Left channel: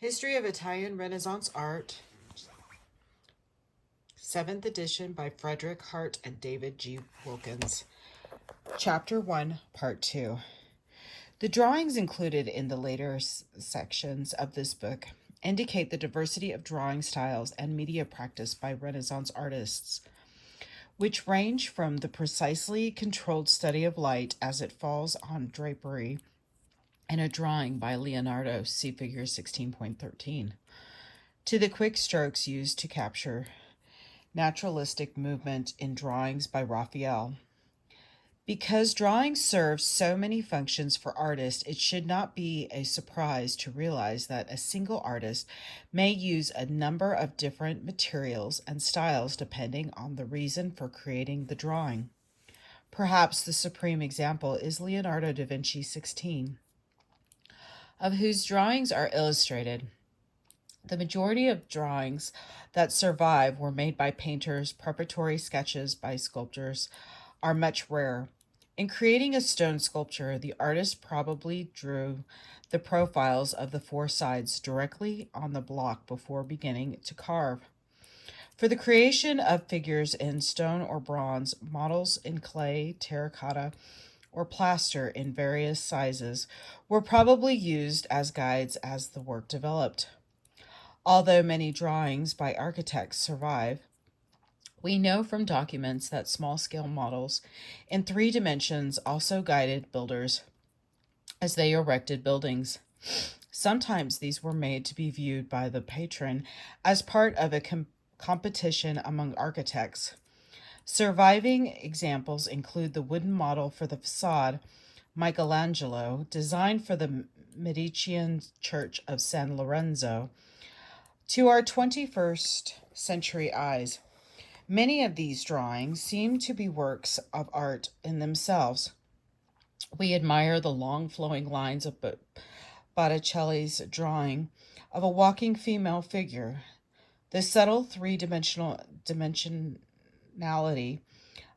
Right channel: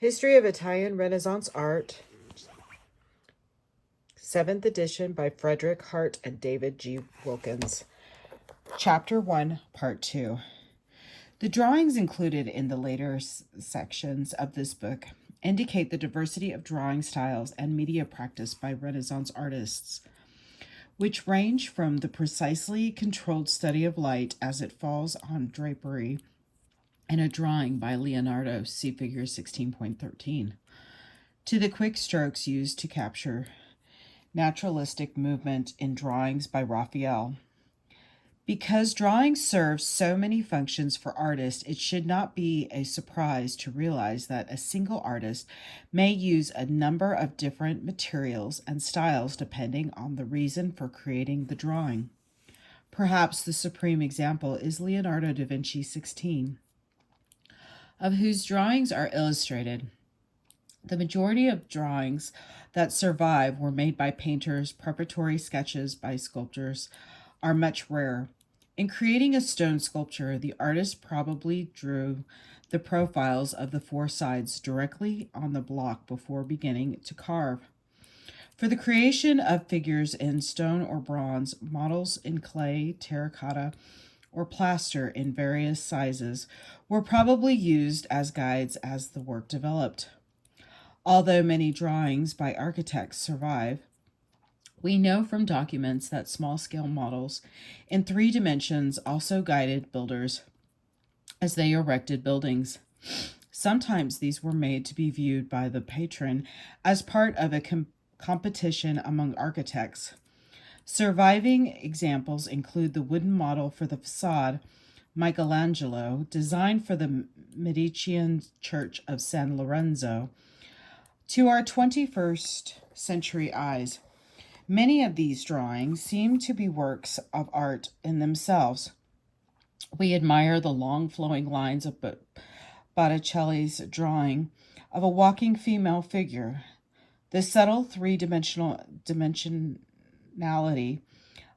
History of Italian Renaissance Art, 7th edition by Frederick Hartt and David G. Wilkins. Chapter 1, Part 2. The drawings included in the later sections of this book indicate the diversity of drawing styles and media practice by Renaissance artists, which range from the precisely controlled study of light as it falls on drapery in a drawing by Leonardo, see figure 16.13, to the quick strokes used to capture naturalistic movement in drawings by Raphael. Because drawing serves so many functions for artists, it should not be a surprise to realize that a single artist may use a number of different materials and styles depending on the reason for creating the drawing. Perhaps the supreme example is Leonardo da Vinci 16, of whose drawings are illustrated. The majority of drawings that survive were made by painters. Preparatory sketches by sculptors are much rarer. In creating a stone sculpture, the artist probably drew the profiles of the four sides directly on the block before beginning to carve. For the creation of figures in stone or bronze, models in clay, terracotta, or plaster in various sizes were probably used as guides as the work developed. Although many drawings by architects survive, we know from documents that small-scale models in 3 dimensions also guided builders as they erected buildings. Sometimes these were made to be viewed by the patron as part of a competition among architects. Surviving examples include the wooden model for the facade Michelangelo, designed for the Medicean Church of San Lorenzo. To our 21st century eyes, many of these drawings seem to be works of art in themselves. We admire the long flowing lines of Botticelli's drawing of a walking female figure, the subtle three-dimensionality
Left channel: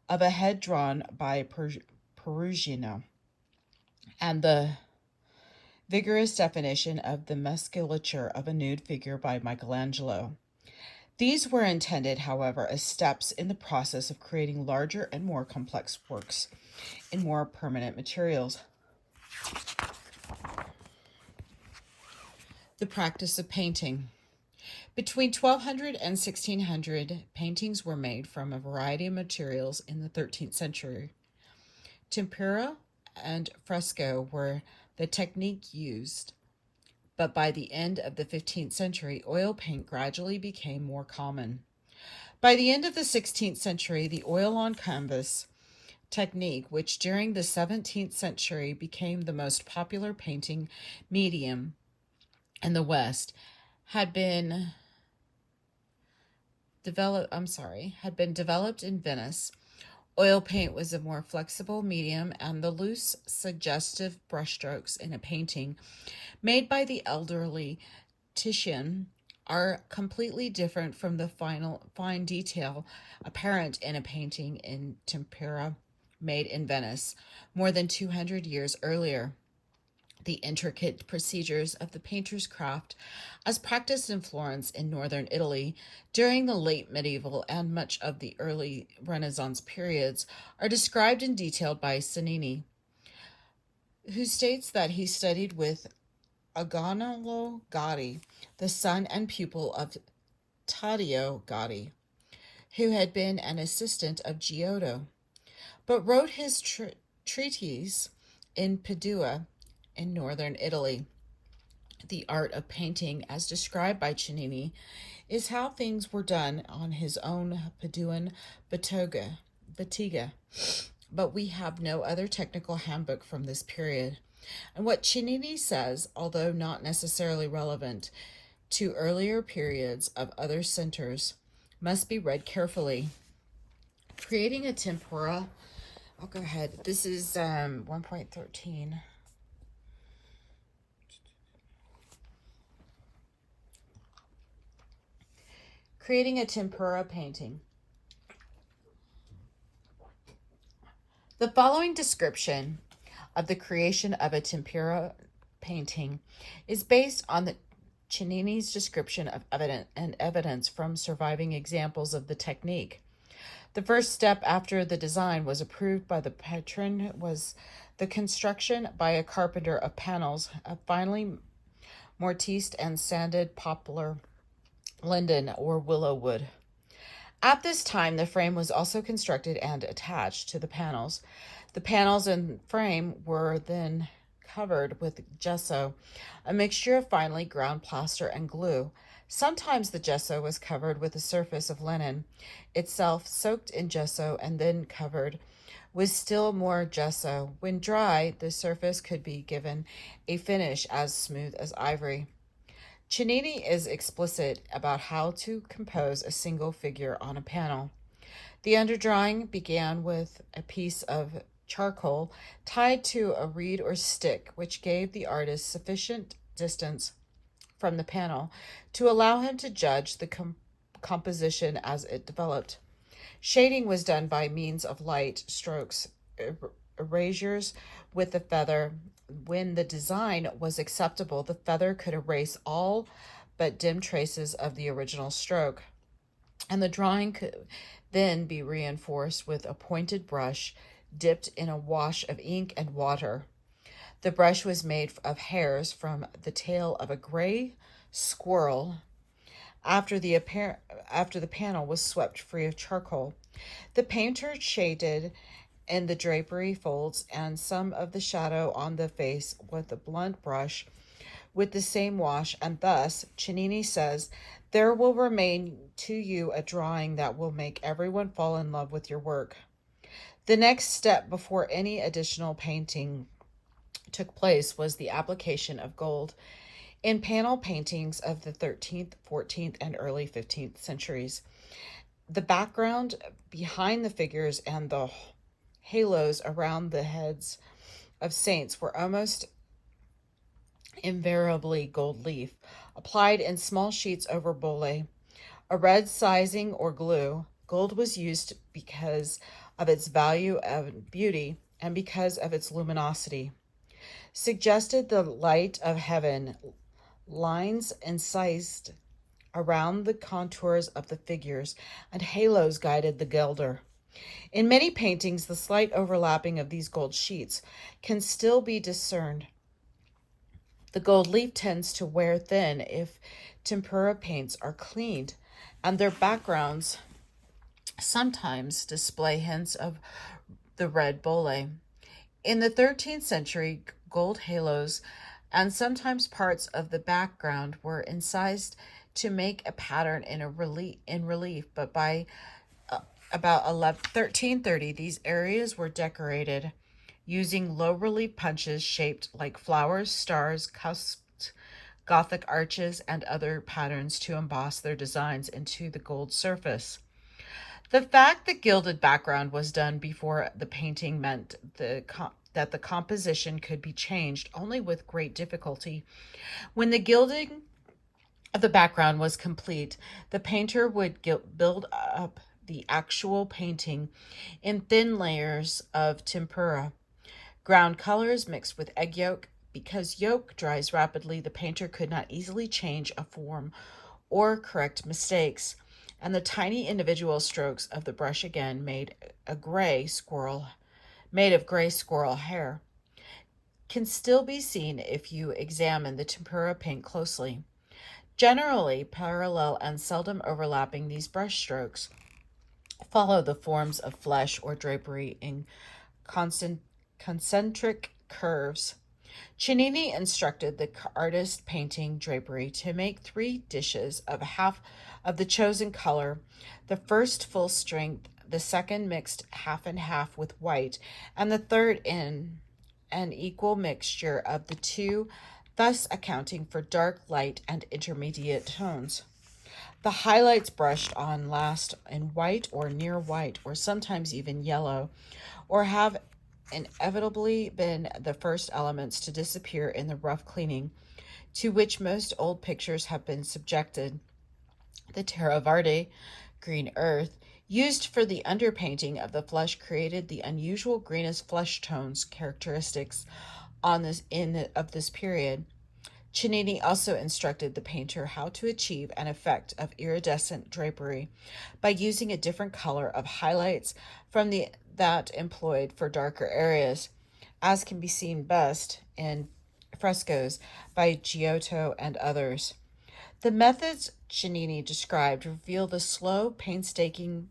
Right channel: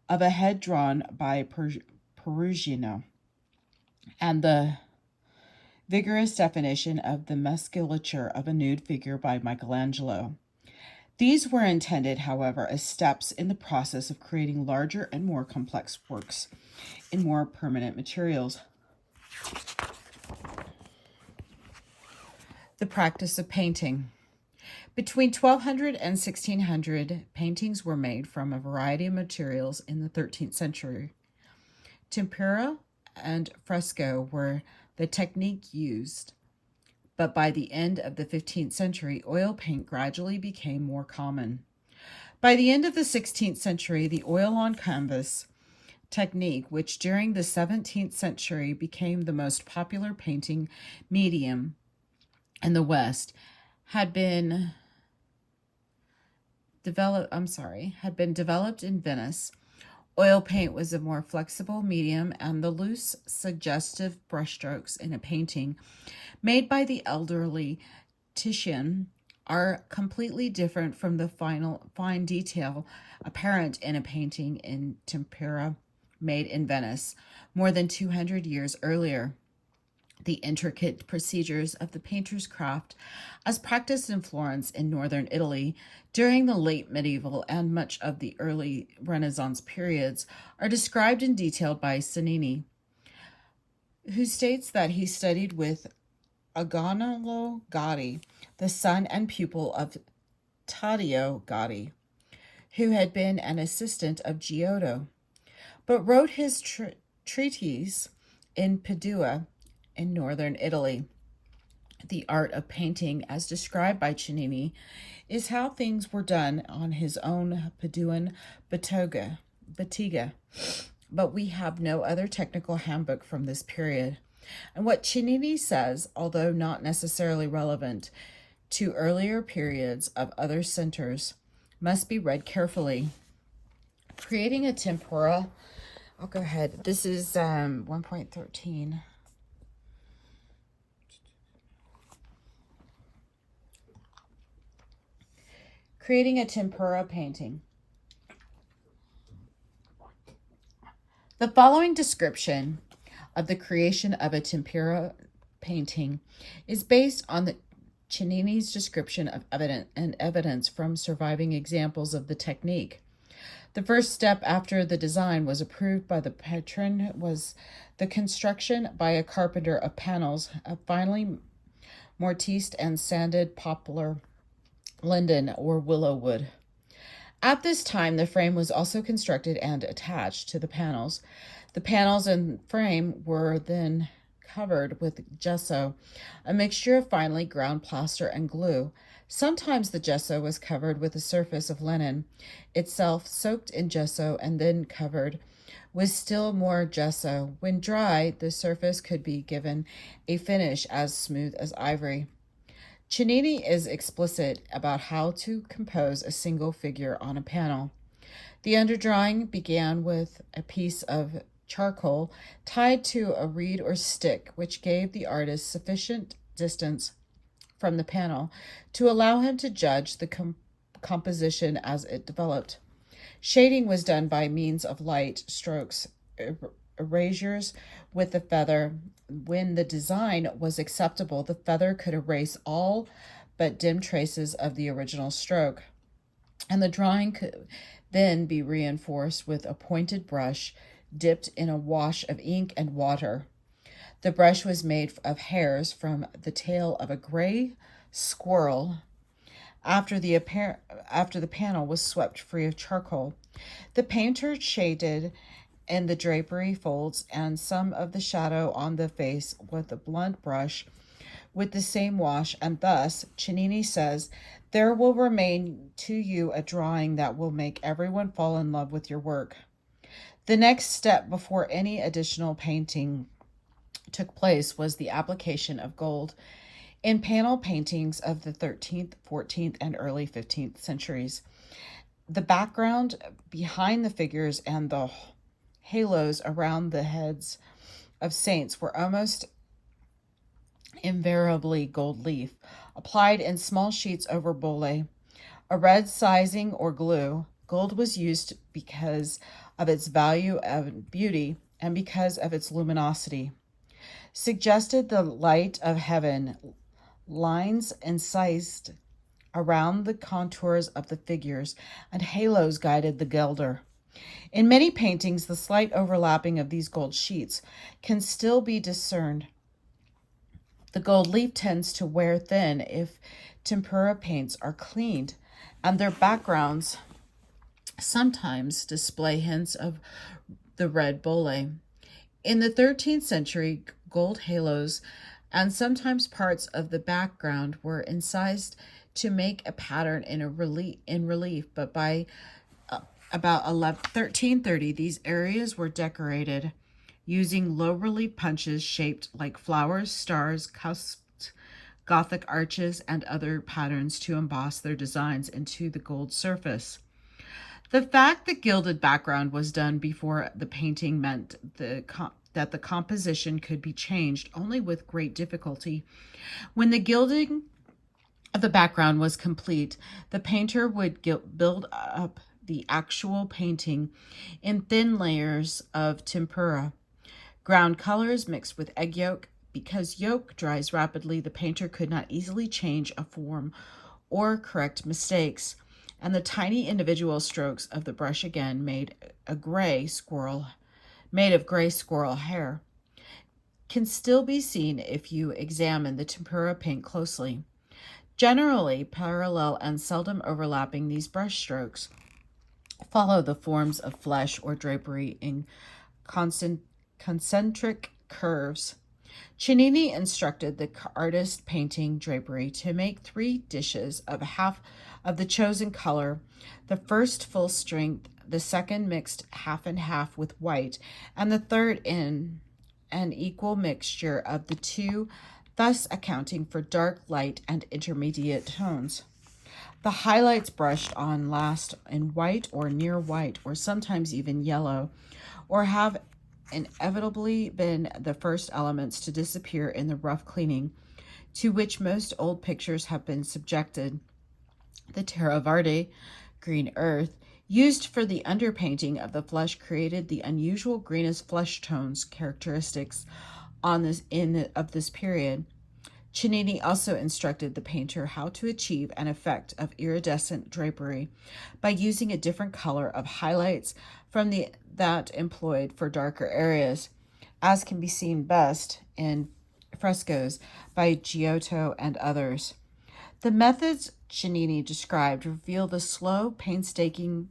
of a head drawn by Perugino, and the vigorous definition of the musculature of a nude figure by Michelangelo. These were intended, however, as steps in the process of creating larger and more complex works in more permanent materials. The practice of painting. Between 1200 and 1600, paintings were made from a variety of materials in the 13th century. Tempera and fresco were the technique used, but by the end of the 15th century, oil paint gradually became more common. By the end of the 16th century, the oil on canvas technique, which during the 17th century became the most popular painting medium in the West, had been developed in Venice. Oil paint was a more flexible medium, and the loose, suggestive brushstrokes in a painting made by the elderly Titian are completely different from the fine detail apparent in a painting in tempera made in Venice more than 200 years earlier. The intricate procedures of the painter's craft, as practiced in Florence in northern Italy during the late medieval and much of the early Renaissance periods, are described in detail by Cennini, who states that he studied with Agnolo Gaddi, the son and pupil of Taddeo Gaddi, who had been an assistant of Giotto, but wrote his treatise in Padua in northern Italy. The art of painting, as described by Cennini, is how things were done on his own Paduan bottega, but we have no other technical handbook from this period. And what Cennini says, although not necessarily relevant to earlier periods of other centers, must be read carefully. Creating a tempera, I'll go ahead. This is 1.13. Creating a tempera painting. The following description of the creation of a tempera painting is based on the Cennini's description of evidence from surviving examples of the technique. The first step after the design was approved by the patron was the construction by a carpenter of panels of finely mortised and sanded poplar, linden, or willow wood. At this time, the frame was also constructed and attached to the panels. The panels and frame were then covered with gesso, a mixture of finely ground plaster and glue. Sometimes the gesso was covered with a surface of linen, itself soaked in gesso and then covered with still more gesso. When dry, the surface could be given a finish as smooth as ivory. Cennini is explicit about how to compose a single figure on a panel. The underdrawing began with a piece of charcoal tied to a reed or stick, which gave the artist sufficient distance from the panel to allow him to judge the composition as it developed. Shading was done by means of light strokes, erasures with the feather. When the design was acceptable, the feather could erase all but dim traces of the original stroke, and the drawing could then be reinforced with a pointed brush dipped in a wash of ink and water. The brush was made of hairs from the tail of a gray squirrel after the panel was swept free of charcoal. The painter shaded in the drapery folds and some of the shadow on the face with a blunt brush with the same wash, and thus, Cennini says, there will remain to you a drawing that will make everyone fall in love with your work. The next step before any additional painting took place was the application of gold in panel paintings of the 13th, 14th, and early 15th centuries. The background behind the figures and the halos around the heads of saints were almost invariably gold leaf, applied in small sheets over bulle, a red sizing or glue. Gold was used because of its value and beauty and because of its luminosity. Suggested the light of heaven, lines incised around the contours of the figures, and halos guided the gilder. In many paintings, the slight overlapping of these gold sheets can still be discerned. The gold leaf tends to wear thin if tempera paints are cleaned, and their backgrounds sometimes display hints of the red bulle. In the 13th century, gold halos and sometimes parts of the background were incised to make a pattern in relief, but by about 1330, these areas were decorated using low relief punches shaped like flowers, stars, cusped Gothic arches, and other patterns to emboss their designs into the gold surface. The fact that gilded background was done before the painting meant that the composition could be changed only with great difficulty. When the gilding of the background was complete, the painter would build up the actual painting in thin layers of tempera, ground colors mixed with egg yolk. Because yolk dries rapidly, the painter could not easily change a form or correct mistakes, and the tiny individual strokes of the brush again made of gray squirrel hair can still be seen if you examine the tempera paint closely. Generally parallel and seldom overlapping, these brush strokes follow the forms of flesh or drapery in concentric curves. Cennini instructed the artist painting drapery to make 3 dishes of half of the chosen color, the first full strength, the second mixed half and half with white, and the third in an equal mixture of the two, thus accounting for dark, light, and intermediate tones. The highlights brushed on last in white or near white, or sometimes even yellow, or have inevitably been the first elements to disappear in the rough cleaning to which most old pictures have been subjected. The terra verde, green earth, used for the underpainting of the flesh created the unusual greenish flesh tones characteristics of this period. Cennini also instructed the painter how to achieve an effect of iridescent drapery by using a different color of highlights from that employed for darker areas, as can be seen best in frescoes by Giotto and others. The methods Cennini described reveal the slow, painstaking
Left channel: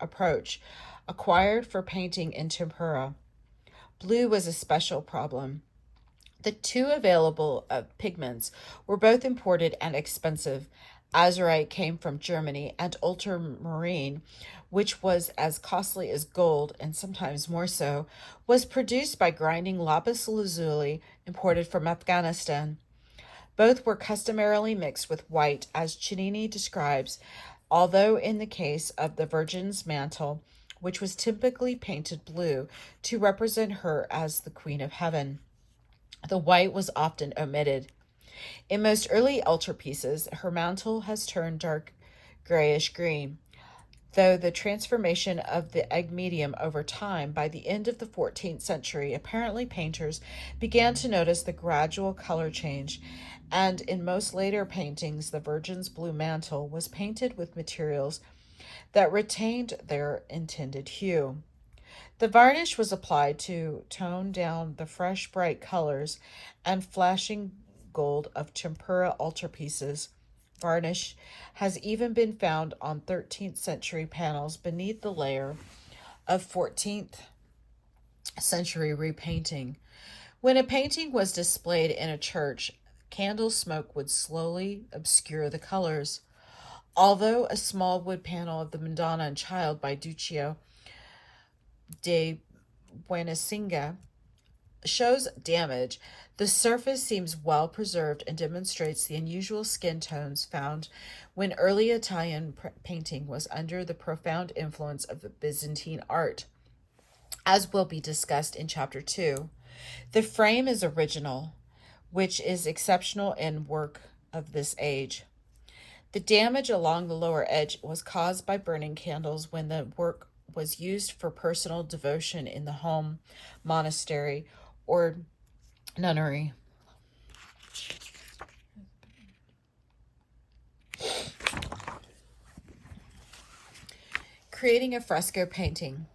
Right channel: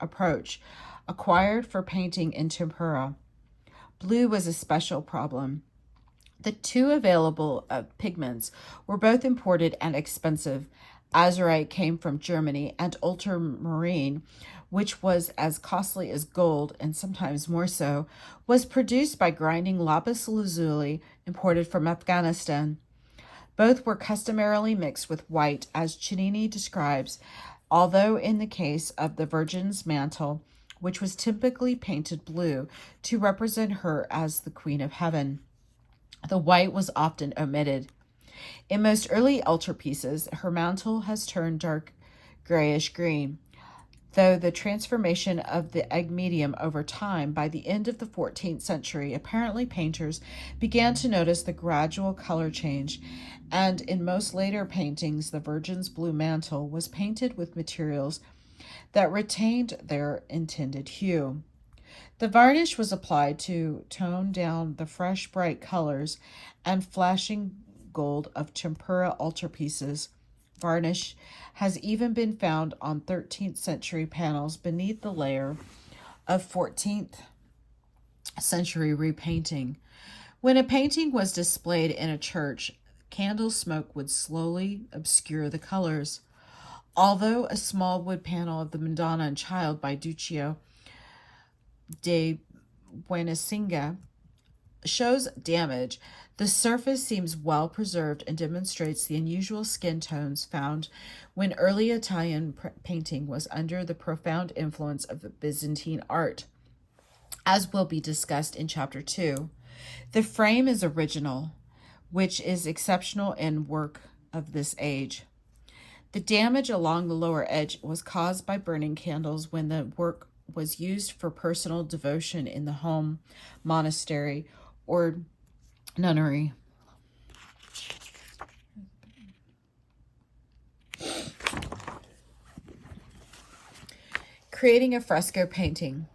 approach acquired for painting in tempera. Blue was a special problem. The two available pigments were both imported and expensive. Azurite came from Germany, and ultramarine, which was as costly as gold and sometimes more so, was produced by grinding lapis lazuli imported from Afghanistan. Both were customarily mixed with white, as Cennini describes, although in the case of the Virgin's mantle, which was typically painted blue to represent her as the Queen of Heaven, the white was often omitted. In most early altarpieces, her mantle has turned dark grayish green, though the transformation of the egg medium over time. By the end of the 14th century, apparently painters began to notice the gradual color change, and in most later paintings, the Virgin's blue mantle was painted with materials that retained their intended hue. The varnish was applied to tone down the fresh, bright colors and flashing gold of tempera altarpieces. Varnish has even been found on 13th century panels beneath the layer of 14th century repainting. When a painting was displayed in a church, candle smoke would slowly obscure the colors. Although a small wood panel of the Madonna and Child by Duccio de Buenasinga shows damage, the surface seems well preserved and demonstrates the unusual skin tones found when early Italian painting was under the profound influence of the Byzantine art, as will be discussed in Chapter 2. The frame is original, which is exceptional in work of this age. The damage along the lower edge was caused by burning candles when the work was used for personal devotion in the home, monastery, or nunnery. Creating a fresco painting.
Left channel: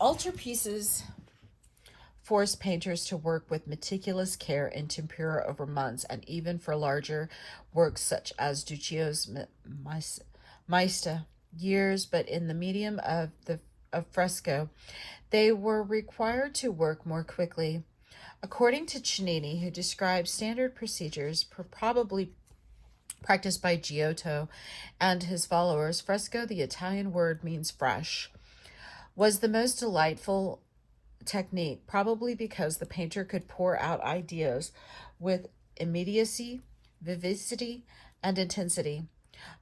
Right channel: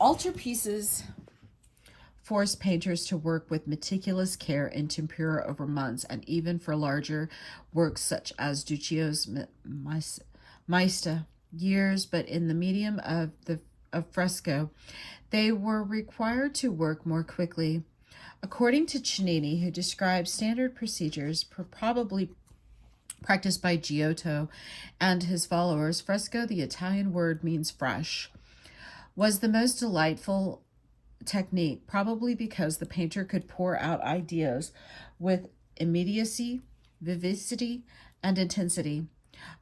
Altarpieces forced painters to work with meticulous care in tempera over months, and even for larger works such as Duccio's Maesta, years, but in the medium of fresco, they were required to work more quickly. According to Cennini, who describes standard procedures probably practiced by Giotto and his followers, fresco, the Italian word means fresh, was the most delightful technique, probably because the painter could pour out ideas with immediacy, vivacity, and intensity.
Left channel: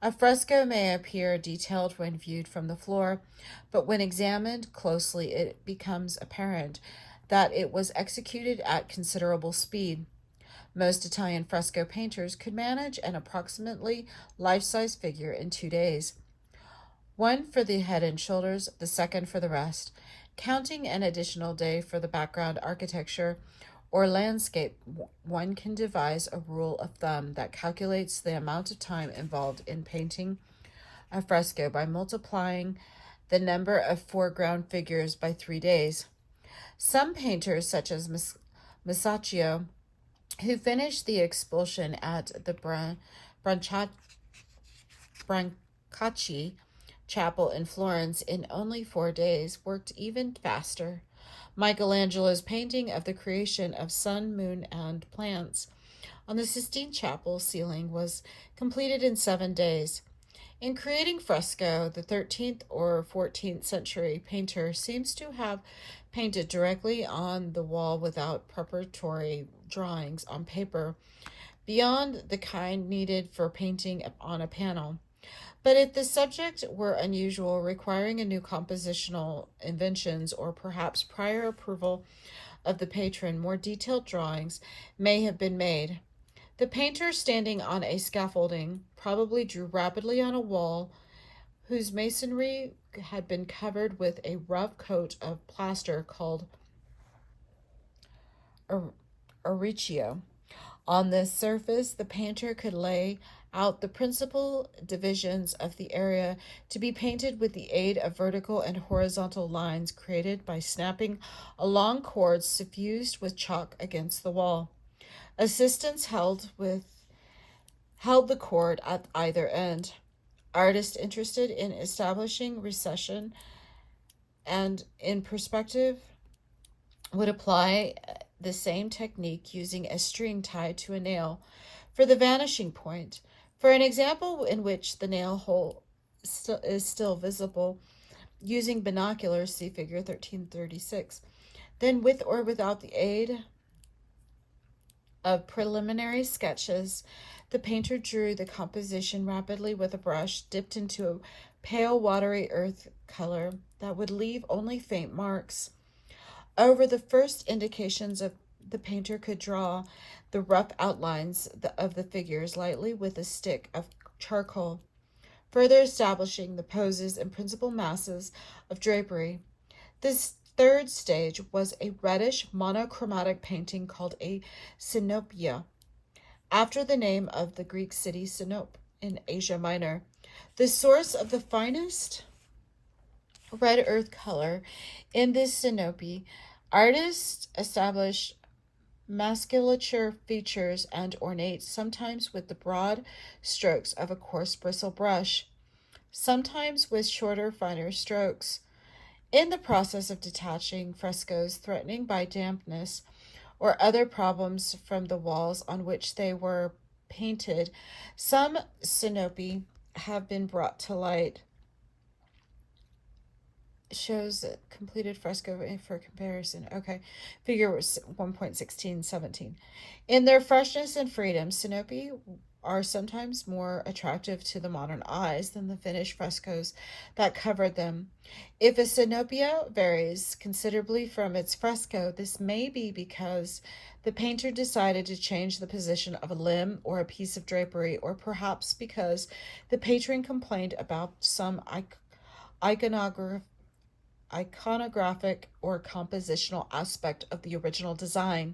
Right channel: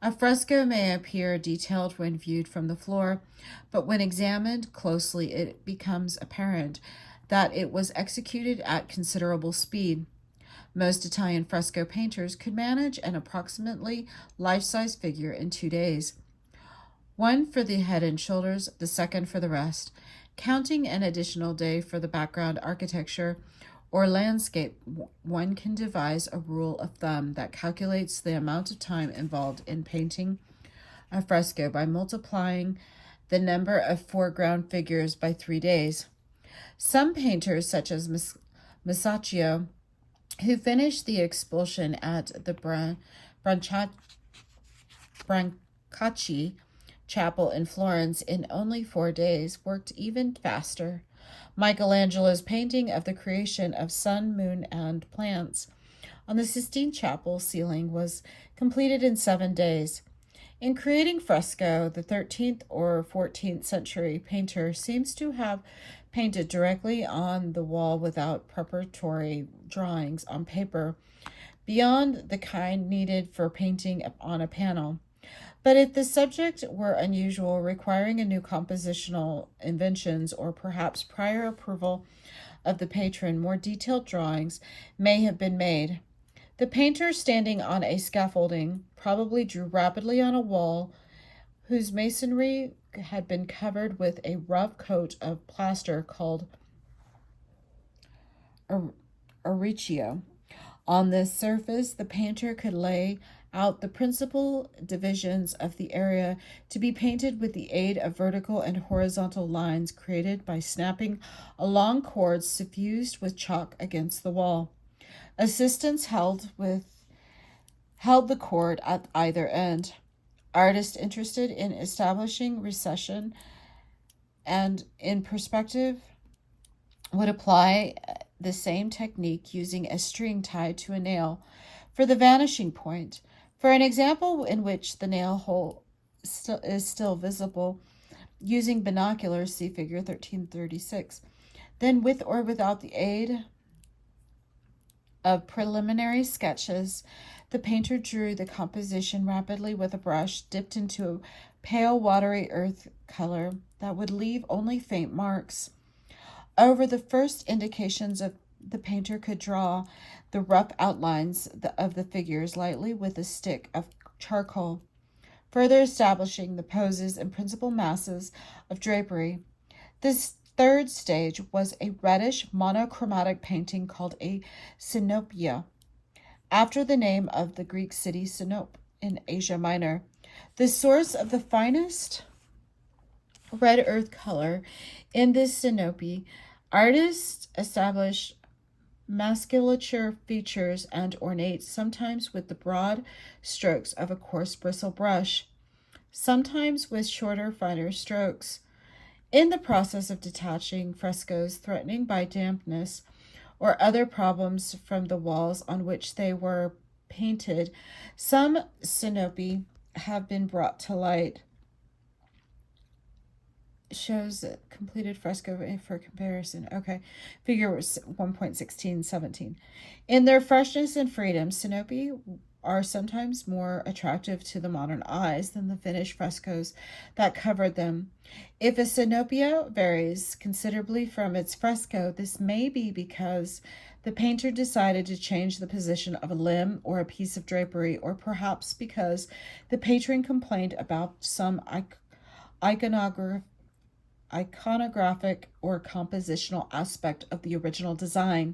A fresco may appear detailed when viewed from the floor, but when examined closely, it becomes apparent that it was executed at considerable speed. Most Italian fresco painters could manage an approximately life-size figure in 2 days, one for the head and shoulders, the second for the rest. Counting an additional day for the background architecture or landscape, one can devise a rule of thumb that calculates the amount of time involved in painting a fresco by multiplying the number of foreground figures by 3 days. Some painters, such as Masaccio, who finished the expulsion at the Brancacci Chapel in Florence in only 4 days, worked even faster. Michelangelo's painting of the creation of sun, moon, and plants on the Sistine Chapel ceiling was completed in 7 days. In creating fresco, the 13th or 14th century painter seems to have painted directly on the wall without preparatory drawings on paper, beyond the kind needed for painting on a panel. But if the subject were unusual, requiring a new compositional inventions, or perhaps prior approval of the patron, more detailed drawings may have been made. The painter, standing on a scaffolding, probably drew rapidly on a wall whose masonry had been covered with a rough coat of plaster called auricchio. On this surface, the painter could lay out the principal divisions of the area to be painted with the aid of vertical and horizontal lines created by snapping a long cord suffused with chalk against the wall. Assistants held the cord at either end. Artists interested in establishing recession and in perspective would apply the same technique using a string tied to a nail for the vanishing point. For an example in which the nail hole is still visible, using binoculars, see figure 1336. Then, with or without the aid of preliminary sketches, the painter drew the composition rapidly with a brush dipped into a pale watery earth color that would leave only faint marks. Over the first indications of the painter could draw the rough outlines of the figures lightly with a stick of charcoal, further establishing the poses and principal masses of drapery. This third stage was a reddish monochromatic painting called a synopia, after the name of the Greek city Sinope in Asia Minor. The source of the finest red earth color in this synope, artists establish musculature features and ornate, sometimes with the broad strokes of a coarse bristle brush, sometimes with shorter, finer strokes. In the process of detaching frescoes threatening by dampness or other problems from the walls on which they were painted, some synope have been brought to light. Shows a completed fresco for comparison. Okay, figure 1.1617. In their freshness and freedom, synope are sometimes more attractive to the modern eyes than the finished frescoes that covered them. If a synopia varies considerably from its fresco, this may be because the painter decided to change the position of a limb or a piece of drapery, or perhaps because the patron complained about some iconographic or compositional aspect of the original design.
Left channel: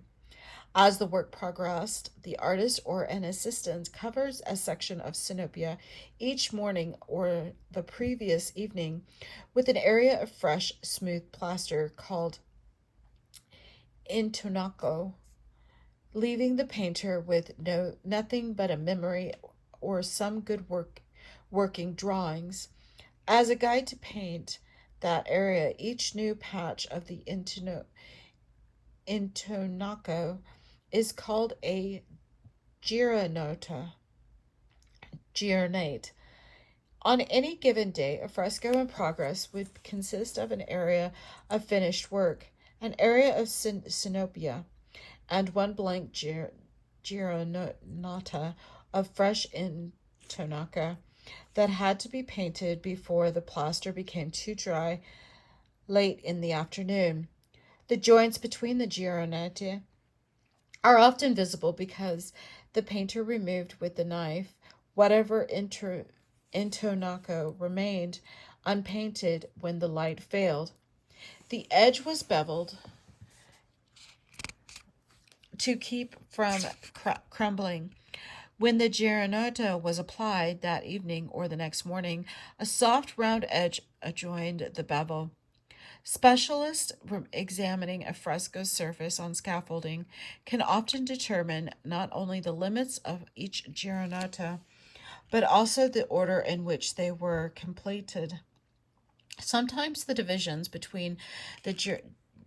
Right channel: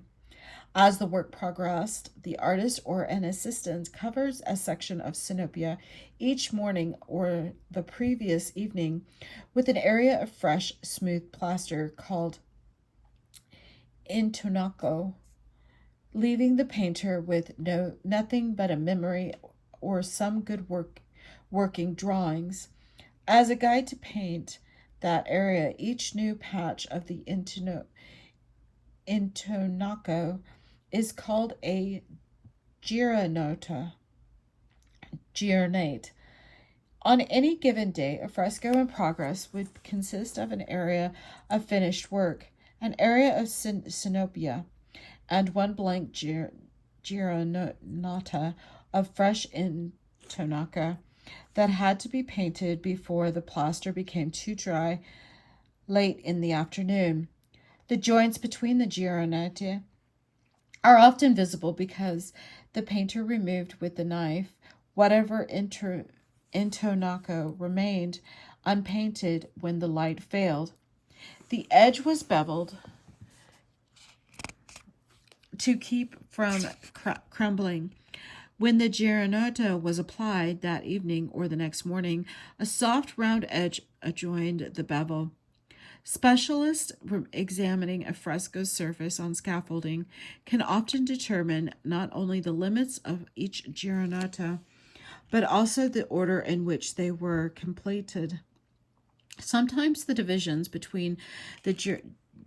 As the work progressed, the artist or an assistant covers a section of synopia each morning or the previous evening with an area of fresh, smooth plaster called intonaco, leaving the painter with nothing but a memory or some good working drawings. As a guide to paint that area, each new patch of the intonaco is called a gironate. On any given day, a fresco in progress would consist of an area of finished work, an area of synopia, and one blank gironata of fresh intonaca that had to be painted before the plaster became too dry late in the afternoon. The joints between the gironate are often visible because the painter removed with the knife whatever intonaco remained unpainted when the light failed. The edge was beveled to keep from crumbling. When the gironata was applied that evening or the next morning, a soft round edge adjoined the bevel. Specialists examining a fresco surface on scaffolding can often determine not only the limits of each gironata, but also the order in which they were completed. Sometimes the divisions between the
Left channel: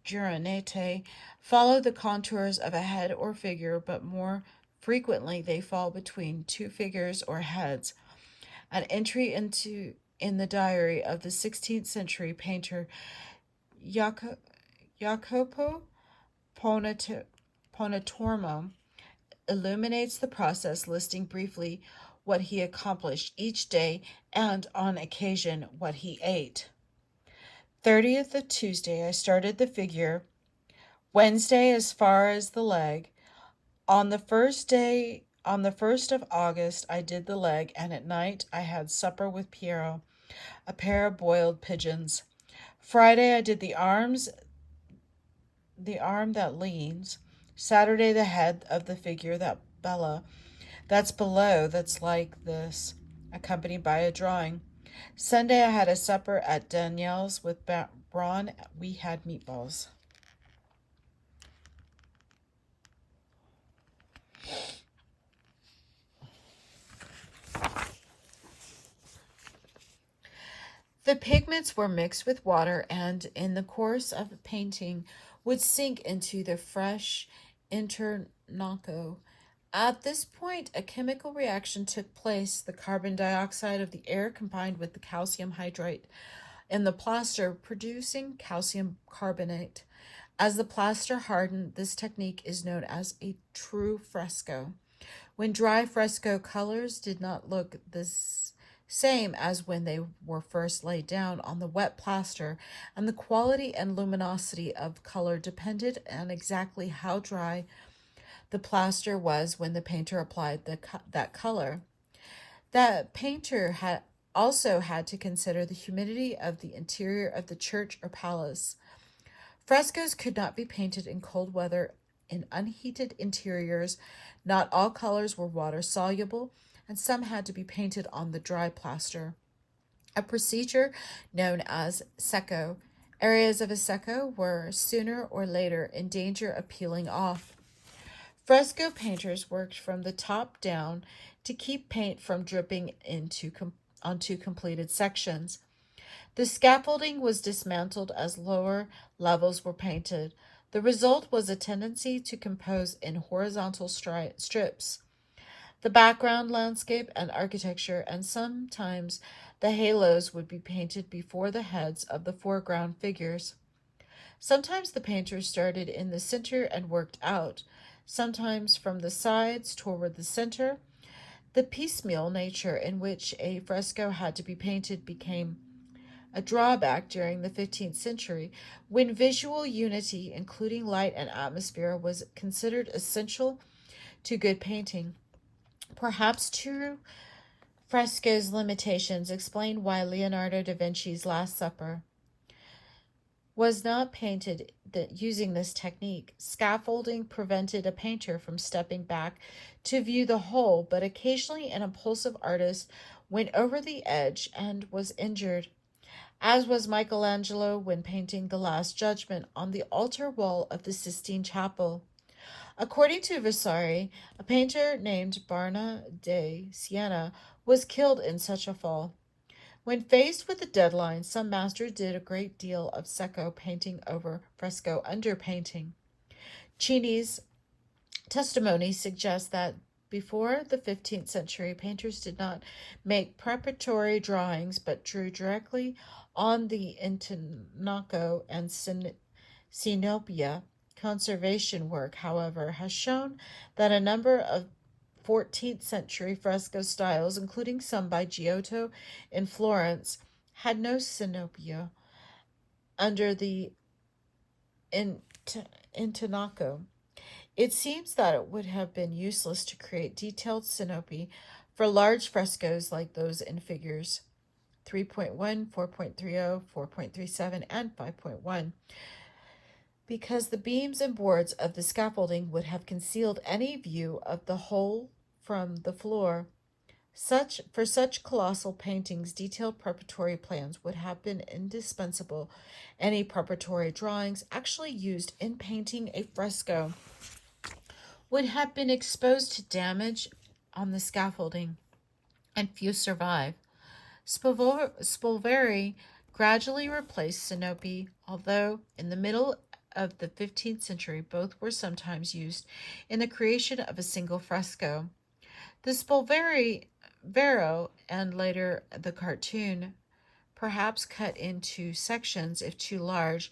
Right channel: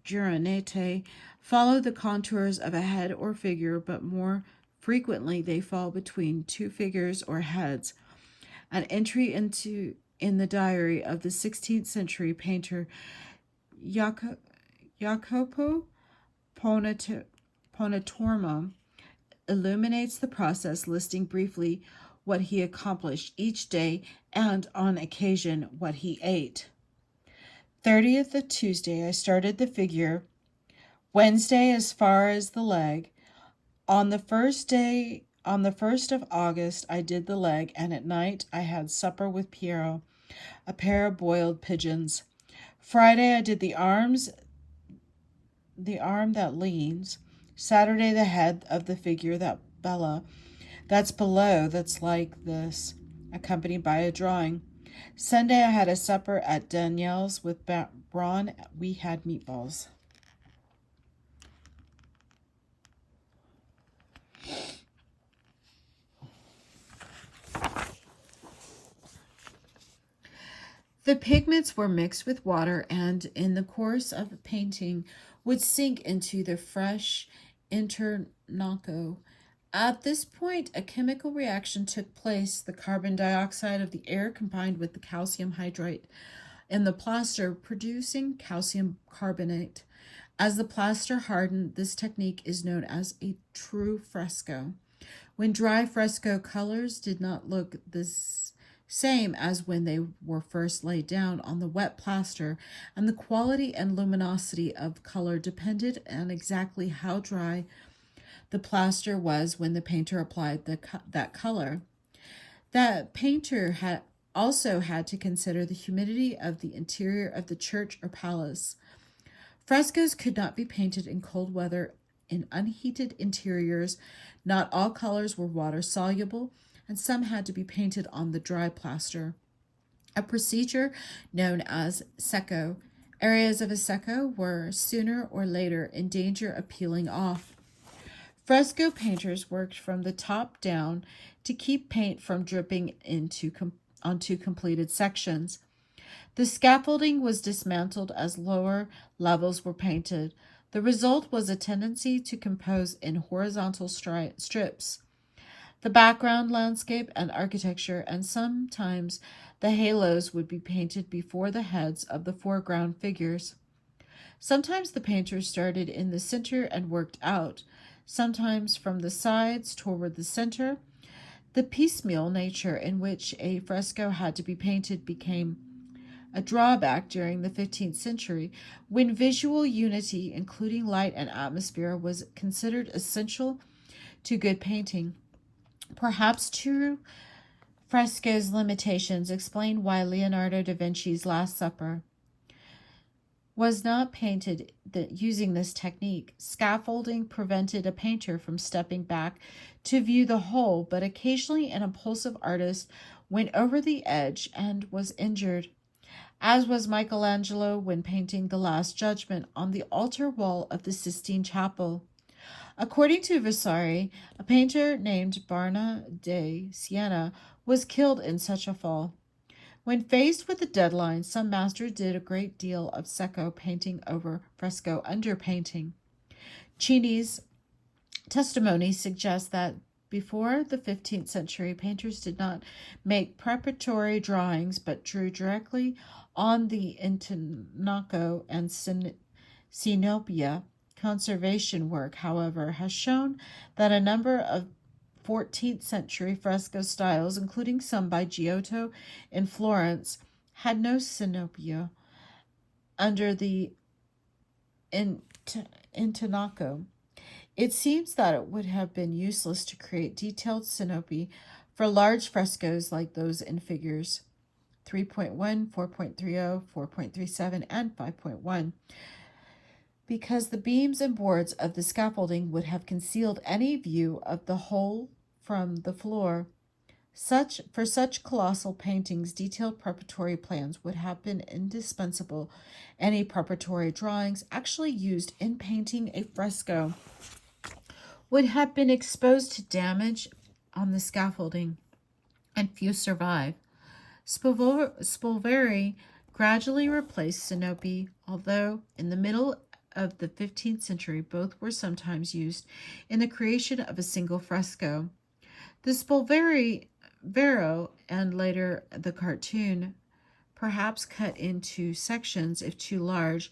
gironate follow the contours of a head or figure, but more frequently they fall between two figures or heads. An entry in the diary of the 16th century painter Jacopo Pontormo illuminates the process, listing briefly what he accomplished each day and, on occasion, what he ate. 30th of Tuesday, I started the figure. Wednesday, as far as the leg. On the 1st of August, I did the leg, and at night I had supper with Piero, a pair of boiled pigeons. Friday, I did the arms, the arm that leans. Saturday, the head of the figure that Bella. That's below, that's like this, accompanied by a drawing. Sunday I had a supper at Danielle's with Braun. We had meatballs. The pigments were mixed with water and, in the course of painting, would sink into the fresh internoco. At this point, a chemical reaction took place. The carbon dioxide of the air combined with the calcium hydride in the plaster, producing calcium carbonate. As the plaster hardened, this technique is known as a true fresco. When dry fresco colors did not look the same as when they were first laid down on the wet plaster, and the quality and luminosity of color depended on exactly how dry the plaster was when the painter applied that color. That painter had also had to consider the humidity of the interior of the church or palace. Frescoes could not be painted in cold weather in unheated interiors. Not all colors were water soluble, and some had to be painted on the dry plaster, a procedure known as secco. Areas of a secco were sooner or later in danger of peeling off. Fresco painters worked from the top down to keep paint from dripping onto completed sections. The scaffolding was dismantled as lower levels were painted. The result was a tendency to compose in horizontal strips. The background, landscape, and architecture, and sometimes the halos would be painted before the heads of the foreground figures. Sometimes the painters started in the center and worked out, sometimes from the sides toward the center. The piecemeal nature in which a fresco had to be painted became a drawback during the 15th century, when visual unity, including light and atmosphere, was considered essential to good painting. Perhaps true fresco's limitations explain why Leonardo da Vinci's Last Supper was not painted using this technique. Scaffolding prevented a painter from stepping back to view the whole, but occasionally an impulsive artist went over the edge and was injured, as was Michelangelo when painting the Last Judgment on the altar wall of the Sistine Chapel. According to Vasari, a painter named Barna de Siena was killed in such a fall. When faced with a deadline, some masters did a great deal of secco painting over fresco underpainting. Cini's testimony suggests that before the 15th century, painters did not make preparatory drawings but drew directly on the intonaco and sinopia. Conservation work, however, has shown that a number of 14th century fresco styles, including some by Giotto in Florence, had no sinopia under the intonaco. It seems that it would have been useless to create detailed synopy for large frescoes like those in figures 3.1, 4.30, 4.37, and 5.1, because the beams and boards of the scaffolding would have concealed any view of the whole from the floor. For such colossal paintings, detailed preparatory plans would have been indispensable. Any preparatory drawings actually used in painting a fresco would have been exposed to damage on the scaffolding, and few survive. Spolveri gradually replaced synopy, although in the middle of the 15th century both were sometimes used in the creation of a single fresco. The Spolvero and later the cartoon, perhaps cut into sections if too large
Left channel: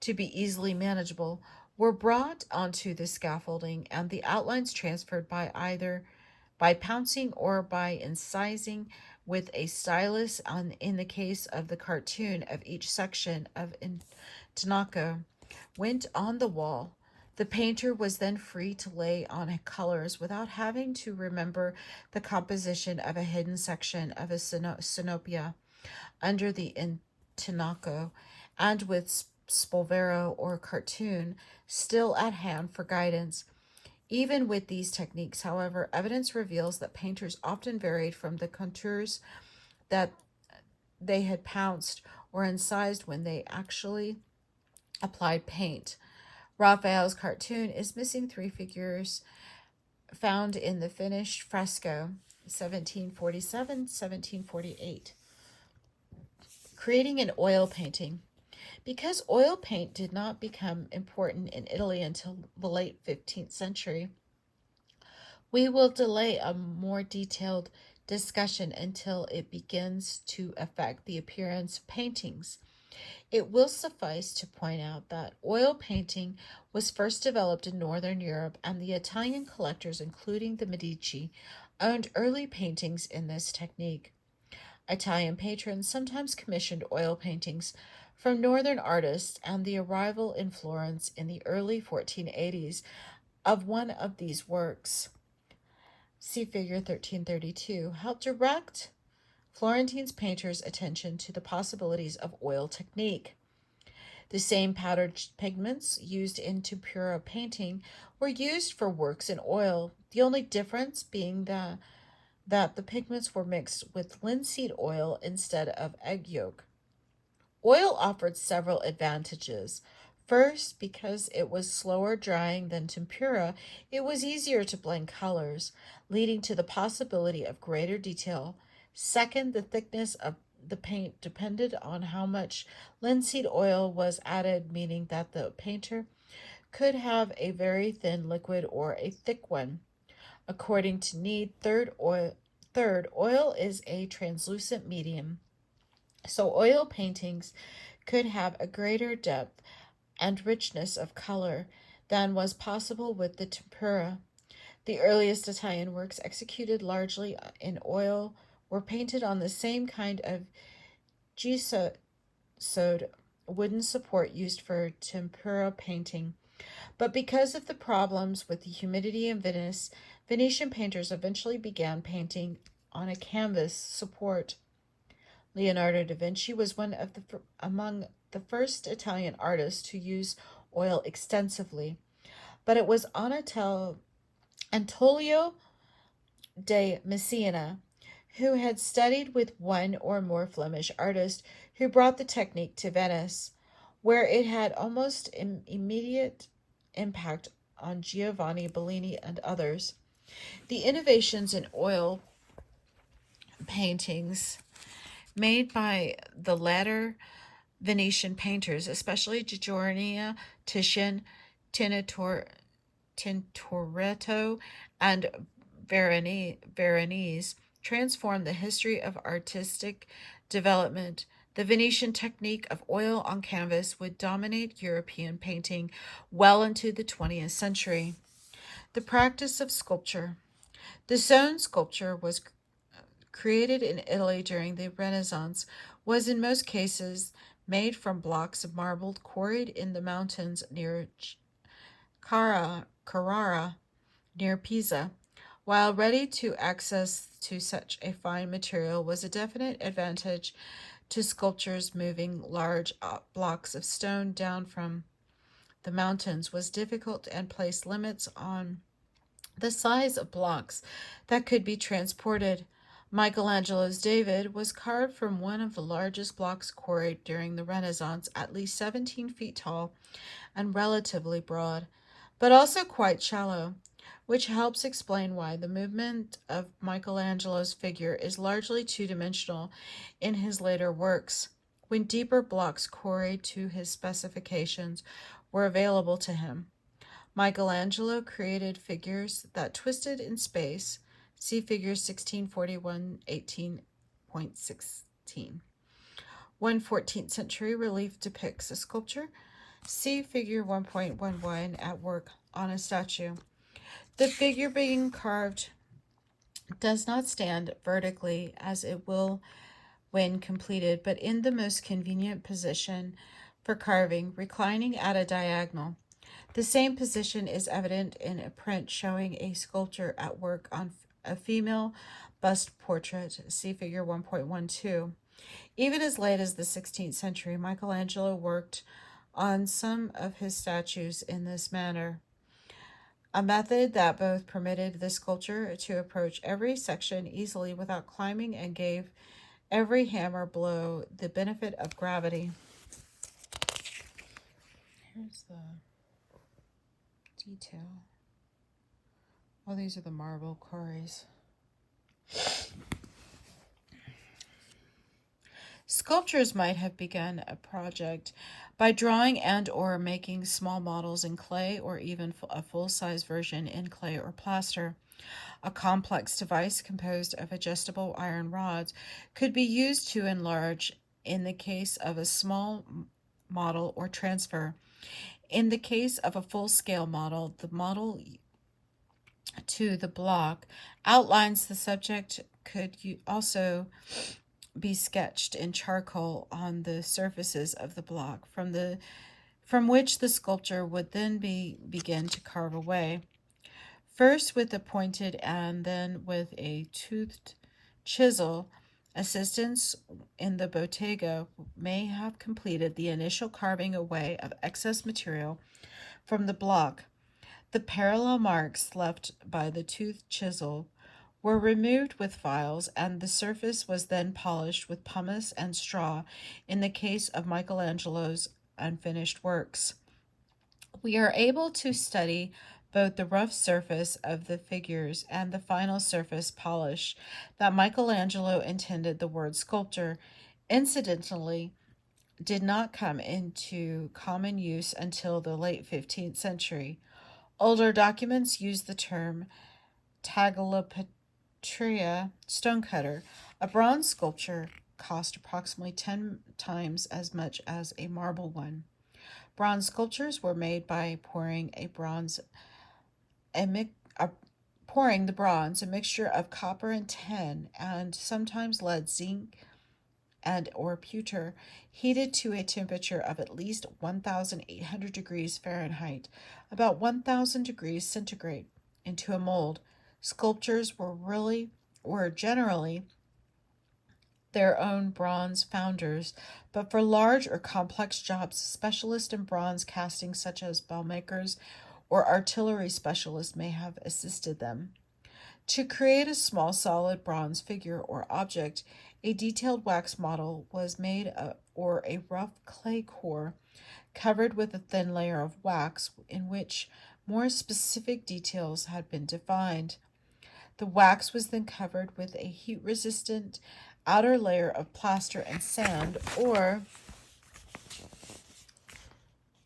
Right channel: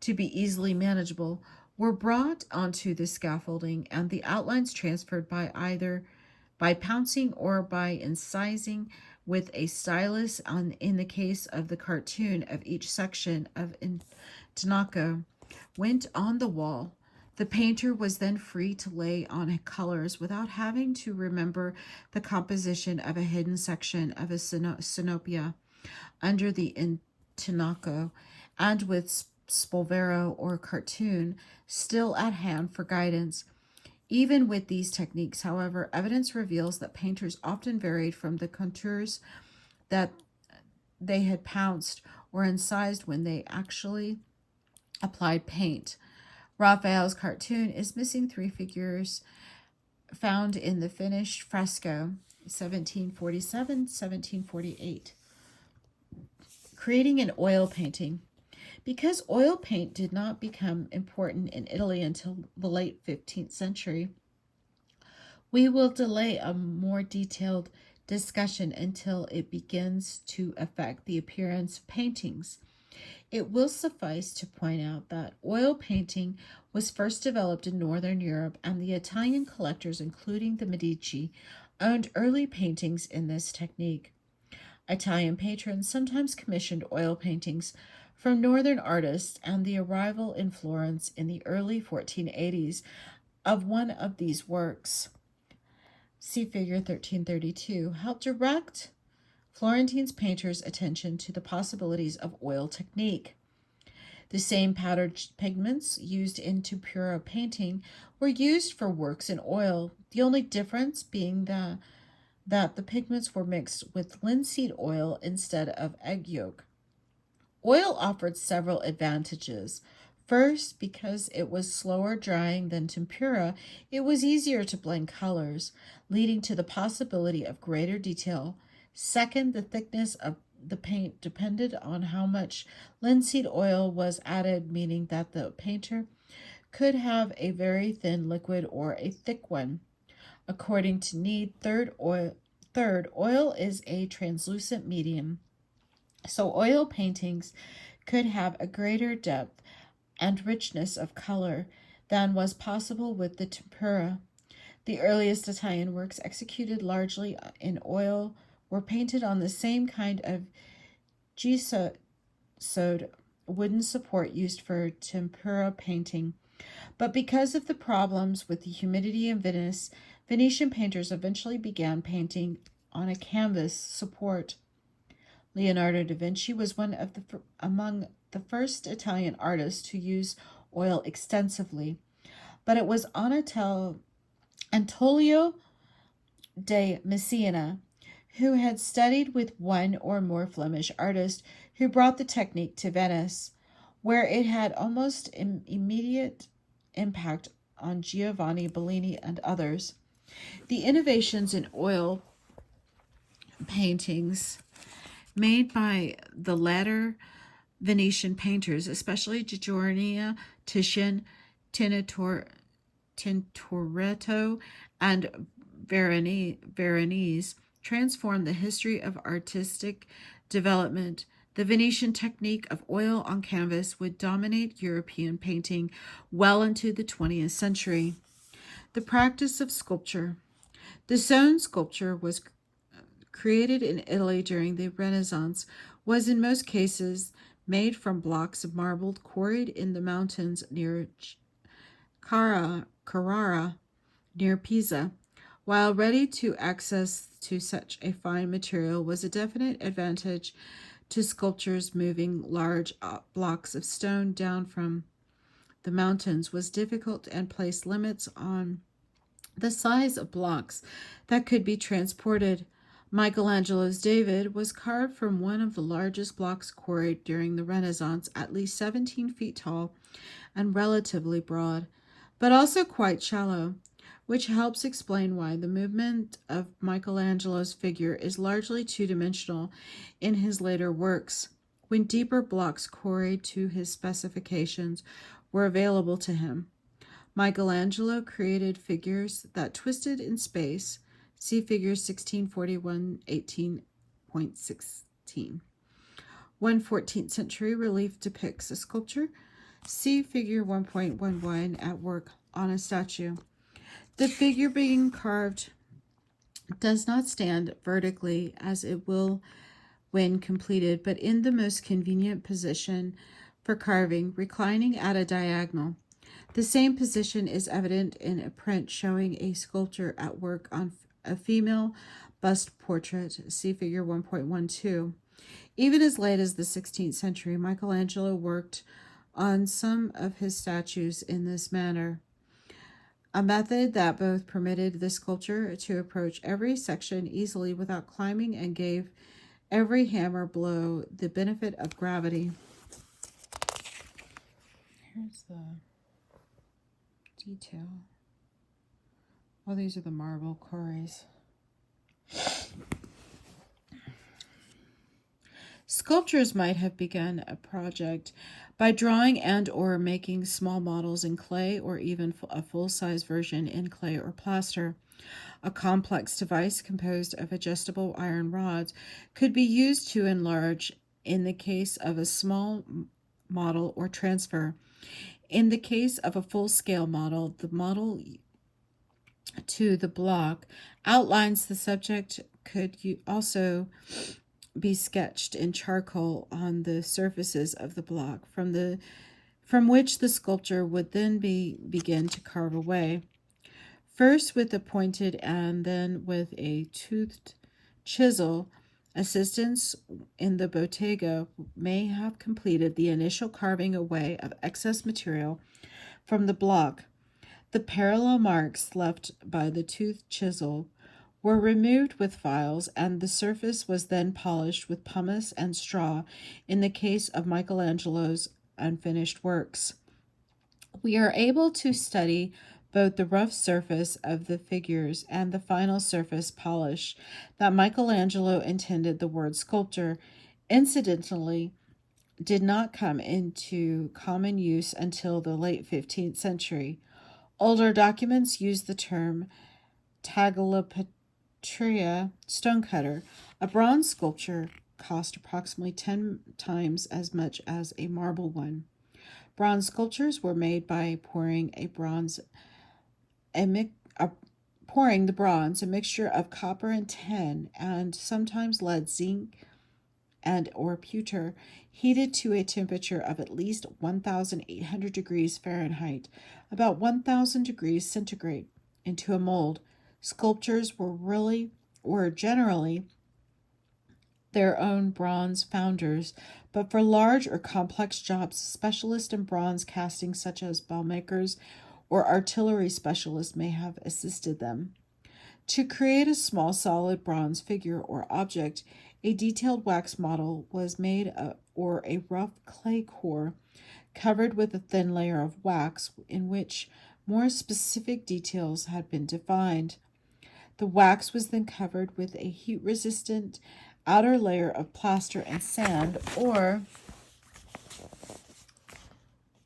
to be easily manageable, were brought onto the scaffolding and the outlines transferred by either by pouncing or by incising with a stylus in the case of the cartoon of each section of intonaco went on the wall. The painter was then free to lay on colors without having to remember the composition of a hidden section of a synopia under the intonaco, and with Spolvero or cartoon still at hand for guidance, Even with these techniques, however, evidence reveals that painters often varied from the contours that they had pounced or incised when they actually applied paint. Raphael's cartoon is missing three figures found in the finished fresco 1747-1748. Creating an oil painting. Because oil paint did not become important in Italy until the late 15th century, we will delay a more detailed discussion until it begins to affect the appearance of paintings. It will suffice to point out that oil painting was first developed in Northern Europe, and the Italian collectors, including the Medici, owned early paintings in this technique. Italian patrons sometimes commissioned oil paintings from Northern artists, and the arrival in Florence in the early 1480s of one of these works, see figure 1332, helped direct Florentine's painters' attention to the possibilities of oil technique. The same powdered pigments used in tempera painting were used for works in oil, the only difference being that the pigments were mixed with linseed oil instead of egg yolk. Oil offered several advantages. First, because it was slower drying than tempera, it was easier to blend colors, leading to the possibility of greater detail. Second, the thickness of the paint depended on how much linseed oil was added, meaning that the painter could have a very thin liquid or a thick one, according to need. Third, oil is a translucent medium, so oil paintings could have a greater depth and richness of color than was possible with the tempera. The earliest Italian works executed largely in oil were painted on the same kind of gesso wooden support used for tempera painting. But because of the problems with the humidity in Venice, Venetian painters eventually began painting on a canvas support. Leonardo da Vinci was among the first Italian artists to use oil extensively, but it was Antonio de Messina, who had studied with one or more Flemish artists, who brought the technique to Venice, where it had almost immediate impact on Giovanni Bellini and others. The innovations in oil paintings made by the latter Venetian painters, especially Giorgione, Titian, Tintoretto, and Veronese, transformed the history of artistic development. The Venetian technique of oil on canvas would dominate European painting well into the 20th century. The practice of sculpture. The stone sculpture was created in Italy during the Renaissance, was in most cases made from blocks of marble quarried in the mountains near Carrara, near Pisa. While ready to access to such a fine material was a definite advantage to sculptors, moving large blocks of stone down from the mountains was difficult and placed limits on the size of blocks that could be transported. Michelangelo's David was carved from one of the largest blocks quarried during the Renaissance, at least 17 feet tall and relatively broad, but also quite shallow, which helps explain why the movement of Michelangelo's figure is largely two-dimensional in his later works, when deeper blocks quarried to his specifications were available to him. Michelangelo created figures that twisted in space. See figure 1641, 18.16. One 14th century relief depicts a sculpture. See figure 1.11 at work on a statue. The figure being carved does not stand vertically as it will when completed, but in the most convenient position for carving, reclining at a diagonal. The same position is evident in a print showing a sculptor at work on a female bust portrait. See figure 1.12. Even as late as the 16th century, Michelangelo worked on some of his statues in this manner. a method that both permitted the sculptor to approach every section easily without climbing and gave every hammer blow the benefit of gravity. Here's the detail. Oh, these are the marble quarries. Sculptors might have begun a project by drawing and or making small models in clay, or even a full-size version in clay or plaster. A complex device composed of adjustable iron rods could be used to enlarge in the case of a small model or transfer. In the case of a full-scale model, the model to the block outlines the subject could also be sketched in charcoal on the surfaces of the block, from which the sculptor would then begin to carve away, first with a pointed and then with a toothed chisel. Assistants in the bottega may have completed the initial carving away of excess material from the block. The parallel marks left by the toothed chisel were removed with files, and the surface was then polished with pumice and straw in the case of Michelangelo's unfinished works. We are able to study both the rough surface of the figures and the final surface polish that Michelangelo intended. The word sculptor, incidentally, did not come into common use until the late 15th century. Older documents use the term tagliapatria, stonecutter. A bronze sculpture cost approximately 10 times as much as a marble one. Bronze sculptures were made by pouring the bronze, a mixture of copper and tin, and sometimes lead, zinc, and or pewter, heated to a temperature of at least 1,800 degrees Fahrenheit, about 1,000 degrees centigrade, into a mold. Sculptors were generally their own bronze founders, but for large or complex jobs, specialists in bronze casting such as bell makers or artillery specialists may have assisted them. To create a small solid bronze figure or object, a detailed wax model was made or a rough clay core covered with a thin layer of wax in which more specific details had been defined. The wax was then covered with a heat-resistant outer layer of plaster and sand or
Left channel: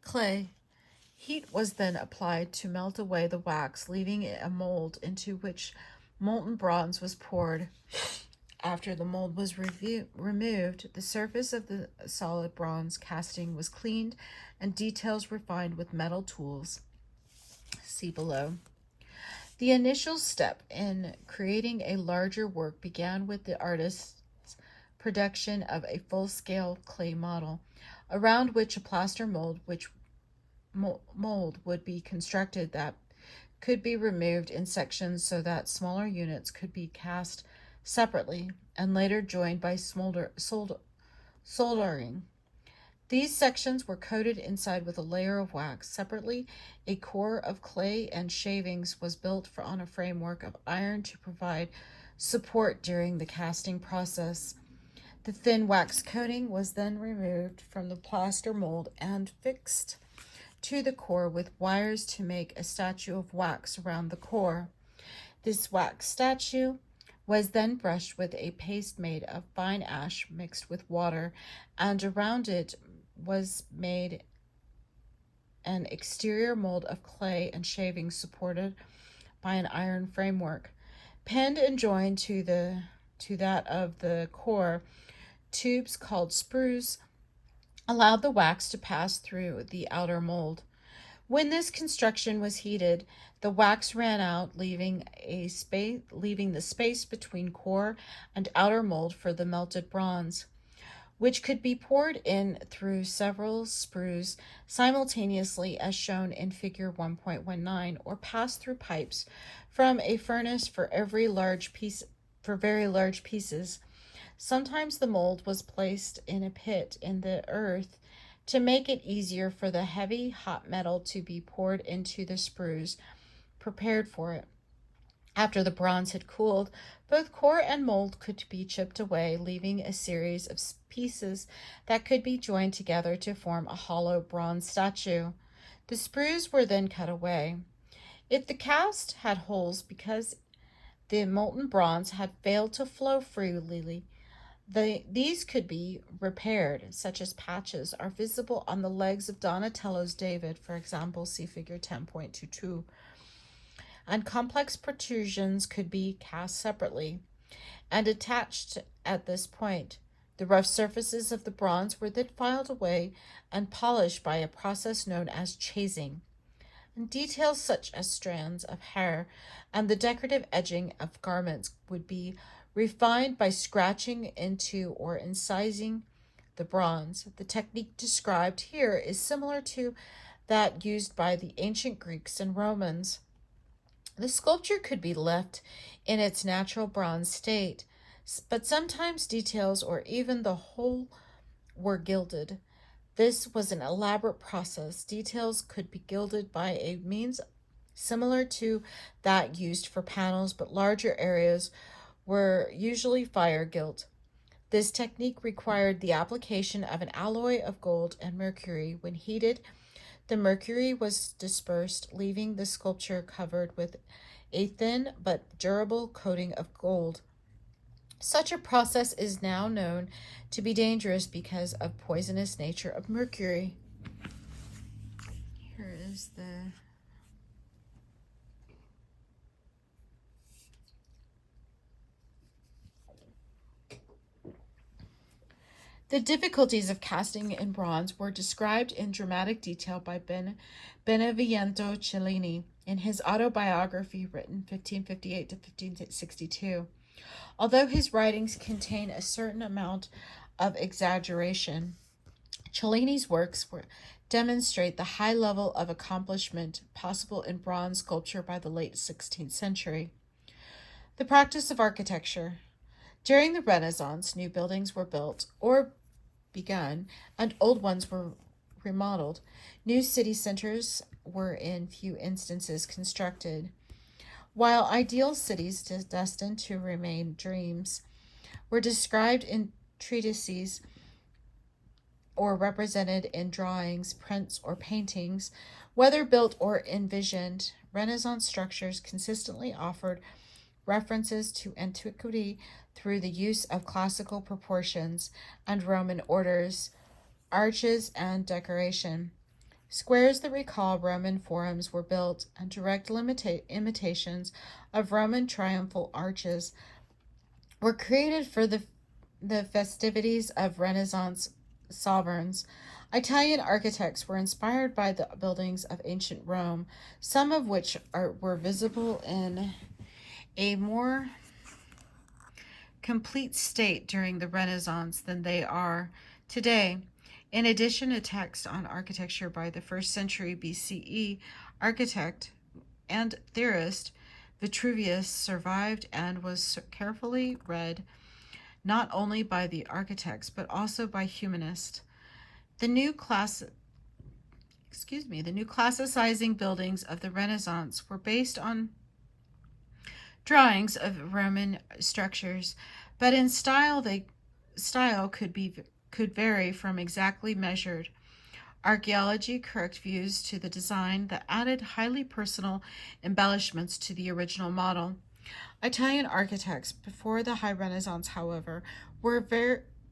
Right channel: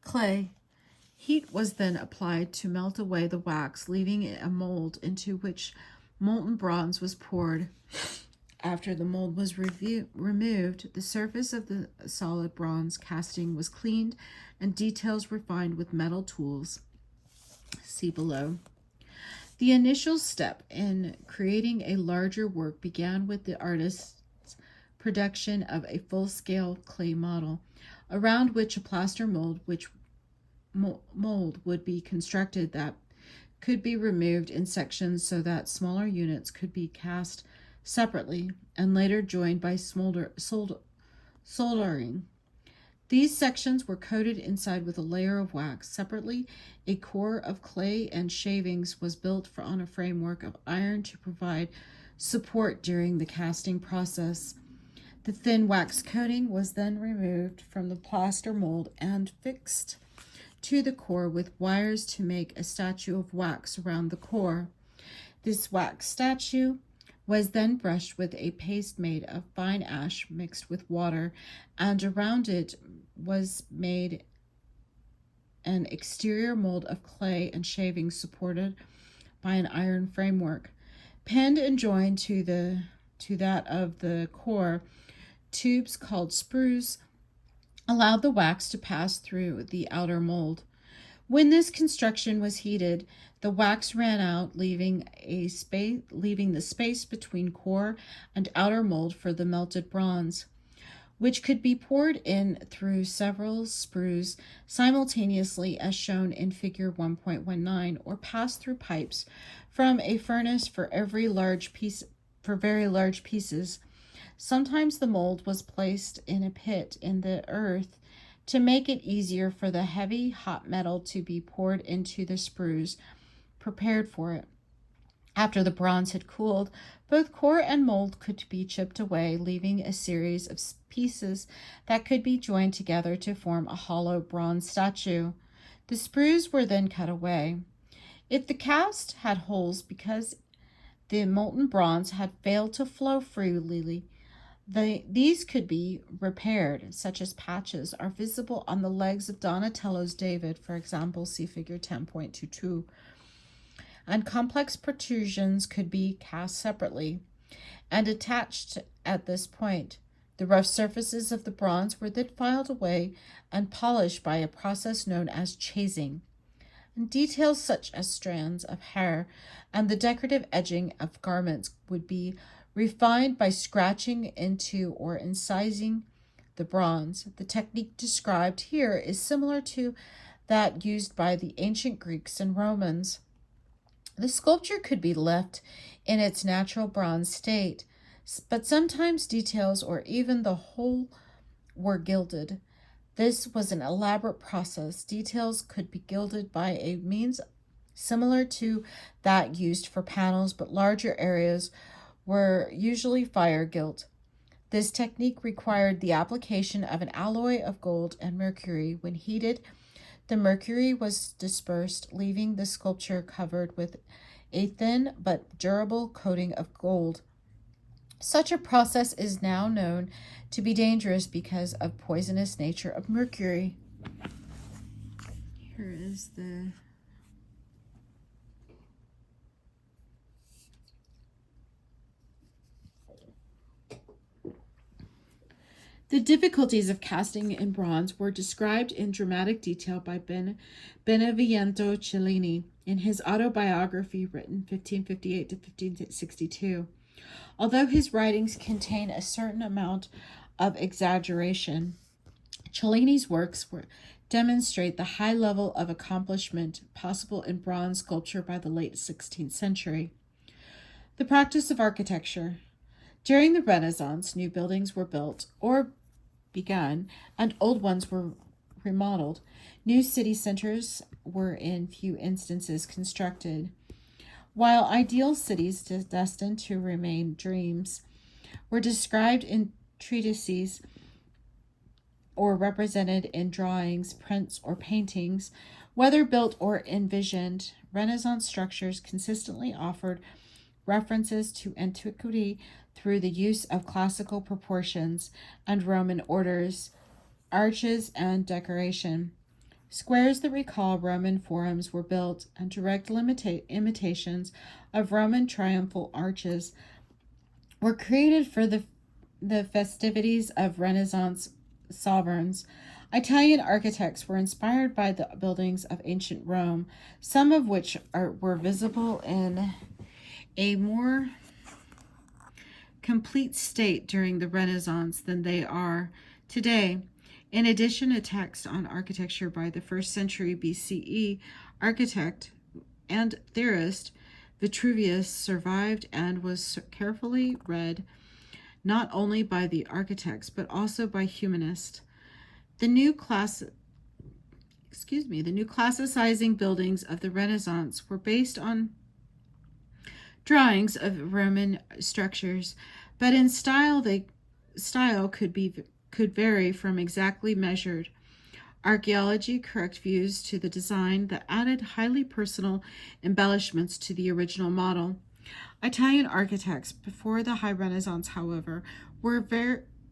clay. Heat was then applied to melt away the wax, leaving a mold into which molten bronze was poured. After the mold was removed, the surface of the solid bronze casting was cleaned and details refined with metal tools. See below. The initial step in creating a larger work began with the artist's production of a full-scale clay model, around which a plaster mold would be constructed that could be removed in sections so that smaller units could be cast separately and later joined by soldering. These sections were coated inside with a layer of wax. Separately, a core of clay and shavings was built on a framework of iron to provide support during the casting process. The thin wax coating was then removed from the plaster mold and fixed to the core with wires to make a statue of wax around the core. This wax statue was then brushed with a paste made of fine ash mixed with water, and around it was made an exterior mold of clay and shavings supported by an iron framework. Pinned and joined to that of the core, tubes called sprues allowed the wax to pass through the outer mold. When this construction was heated, the wax ran out, leaving the space between core and outer mold for the melted bronze, which could be poured in through several sprues simultaneously, as shown in Figure 1.19, or passed through pipes from a furnace for very large pieces. Sometimes the mold was placed in a pit in the earth to make it easier for the heavy hot metal to be poured into the sprues. prepared for it. After the bronze had cooled, both core and mold could be chipped away, leaving a series of pieces that could be joined together to form a hollow bronze statue. The sprues were then cut away. If the cast had holes because the molten bronze had failed to flow freely, these could be repaired, such as patches are visible on the legs of Donatello's David, for example, see figure 10.22. And complex protrusions could be cast separately and attached at this point. The rough surfaces of the bronze were then filed away and polished by a process known as chasing. And details such as strands of hair and the decorative edging of garments would be refined by scratching into or incising the bronze. The technique described here is similar to that used by the ancient Greeks and Romans. The sculpture could be left in its natural bronze state, but sometimes details or even the whole were gilded. This was an elaborate process. Details could be gilded by a means similar to that used for panels, but larger areas were usually fire gilt. This technique required the application of an alloy of gold and mercury. When heated, the mercury was dispersed, leaving the sculpture covered with a thin but durable coating of gold. Such a process is now known to be dangerous because of poisonous nature of mercury. Here is The difficulties of casting in bronze were described in dramatic detail by Benevento Cellini in his autobiography written 1558 to 1562. Although his writings contain a certain amount of exaggeration, Cellini's works demonstrate the high level of accomplishment possible in bronze sculpture by the late 16th century. The practice of architecture. During the Renaissance, new buildings were built or begun, and old ones were remodeled. New city centers were in few instances constructed. While ideal cities destined to remain dreams were described in treatises or represented in drawings, prints, or paintings, whether built or envisioned, Renaissance structures consistently offered references to antiquity through the use of classical proportions and Roman orders, arches, and decoration. Squares that recall Roman forums were built, and direct imitations of Roman triumphal arches were created for the festivities of Renaissance sovereigns. Italian architects were inspired by the buildings of ancient Rome, some of which were visible in a more complete state during the Renaissance than they are today. In addition, a text on architecture by the 1st century BCE architect and theorist Vitruvius survived and was carefully read not only by the architects but also by humanists. The new classicizing buildings of the Renaissance were based on drawings of Roman structures, but in style could vary from exactly measured. Archaeology correct views to the design that added highly personal embellishments to the original model. Italian architects before the High Renaissance, however, were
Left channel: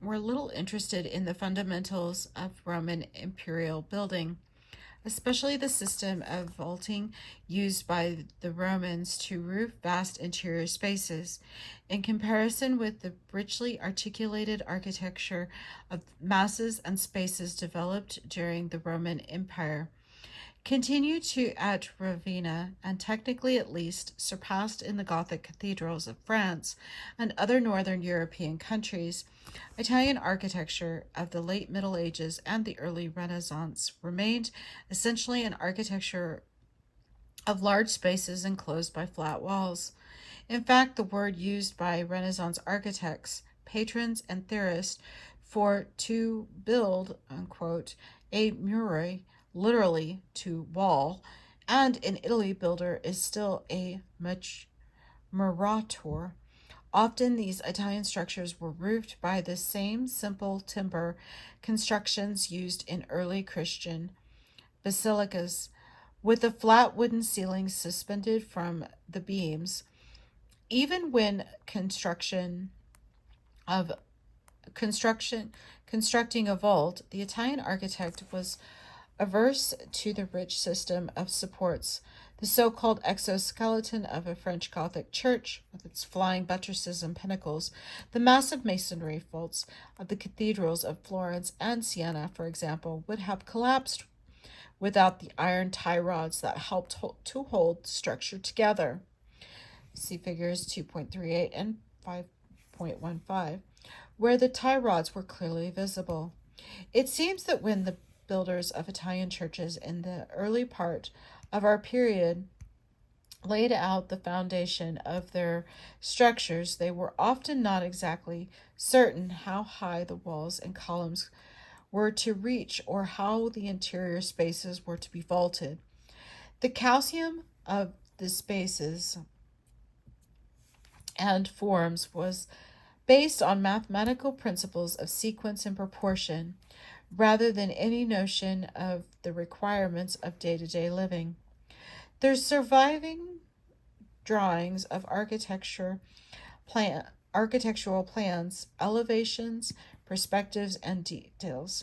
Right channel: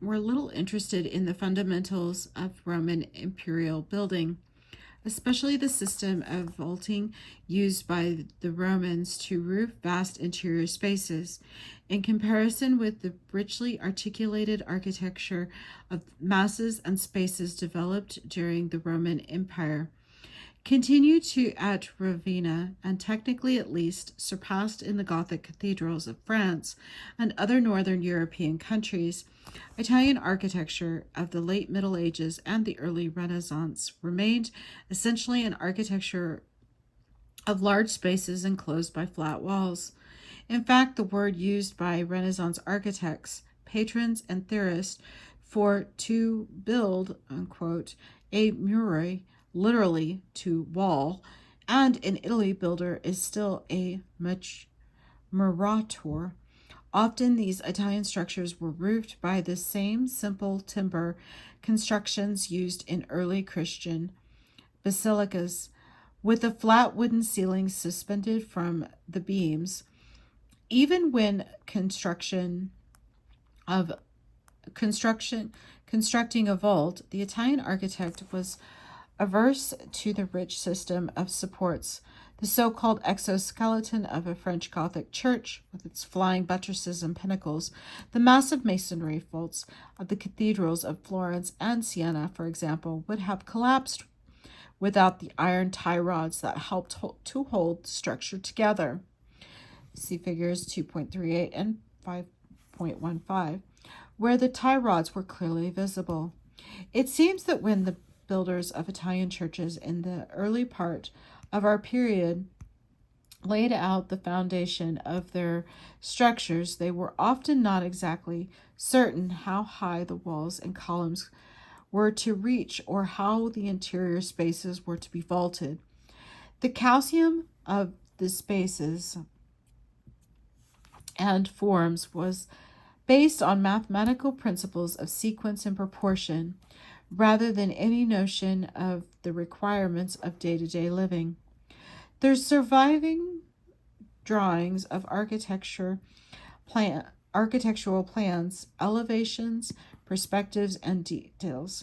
little interested in the fundamentals of Roman imperial building, especially the system of vaulting used by the Romans to roof vast interior spaces. In comparison with the richly articulated architecture of masses and spaces developed during the Roman Empire, continued to at Ravenna, and technically at least surpassed in the Gothic cathedrals of France and other northern European countries, Italian architecture of the late Middle Ages and the early Renaissance remained essentially an architecture of large spaces enclosed by flat walls. In fact, the word used by Renaissance architects, patrons, and theorists for to build, unquote, a murare, literally to wall, And in Italy, builder is still a murator. Often these Italian structures were roofed by the same simple timber constructions used in early Christian basilicas, with a flat wooden ceiling suspended from the beams. Even when of constructing a vault, the Italian architect was averse to the rich system of supports, the so-called exoskeleton of a French Gothic church, with its flying buttresses and pinnacles, the massive masonry vaults of the cathedrals of Florence and Siena, for example, would have collapsed without the iron tie rods that helped to hold the structure together. See figures 2.38 and 5.15, where the tie rods were clearly visible. It seems that when the builders of Italian churches in the early part of our period laid out the foundation of their structures, they were often not exactly certain how high the walls and columns were to reach or how the interior spaces were to be vaulted. The calcium of the spaces and forms was based on mathematical principles of sequence and proportion, rather than any notion of the requirements of day-to-day living. Their surviving drawings of architectural plans, elevations, perspectives, and details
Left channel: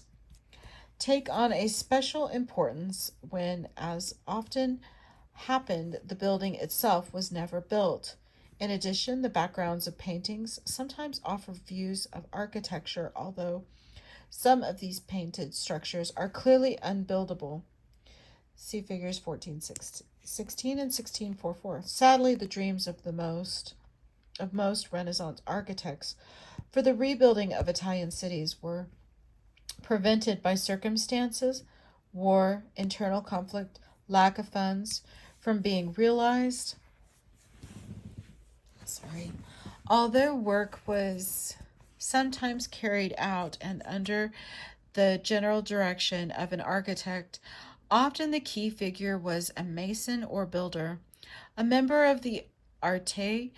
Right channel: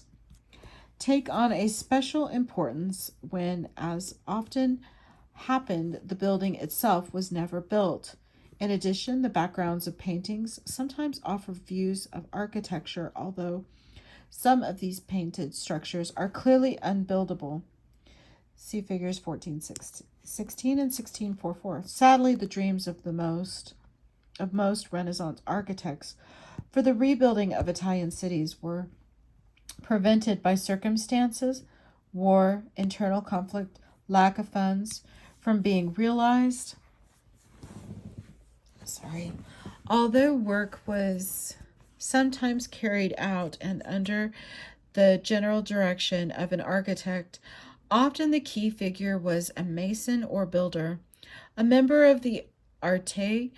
take on a special importance when, as often happened, the building itself was never built. In addition, the backgrounds of paintings sometimes offer views of architecture, although some of these painted structures are clearly unbuildable. See figures 16 and 16.44. Sadly, the dreams of most Renaissance architects for the rebuilding of Italian cities were prevented by circumstances, war, internal conflict, lack of funds from being realized. Although work was sometimes carried out and under the general direction of an architect, often the key figure was a mason or builder, a member of the Arte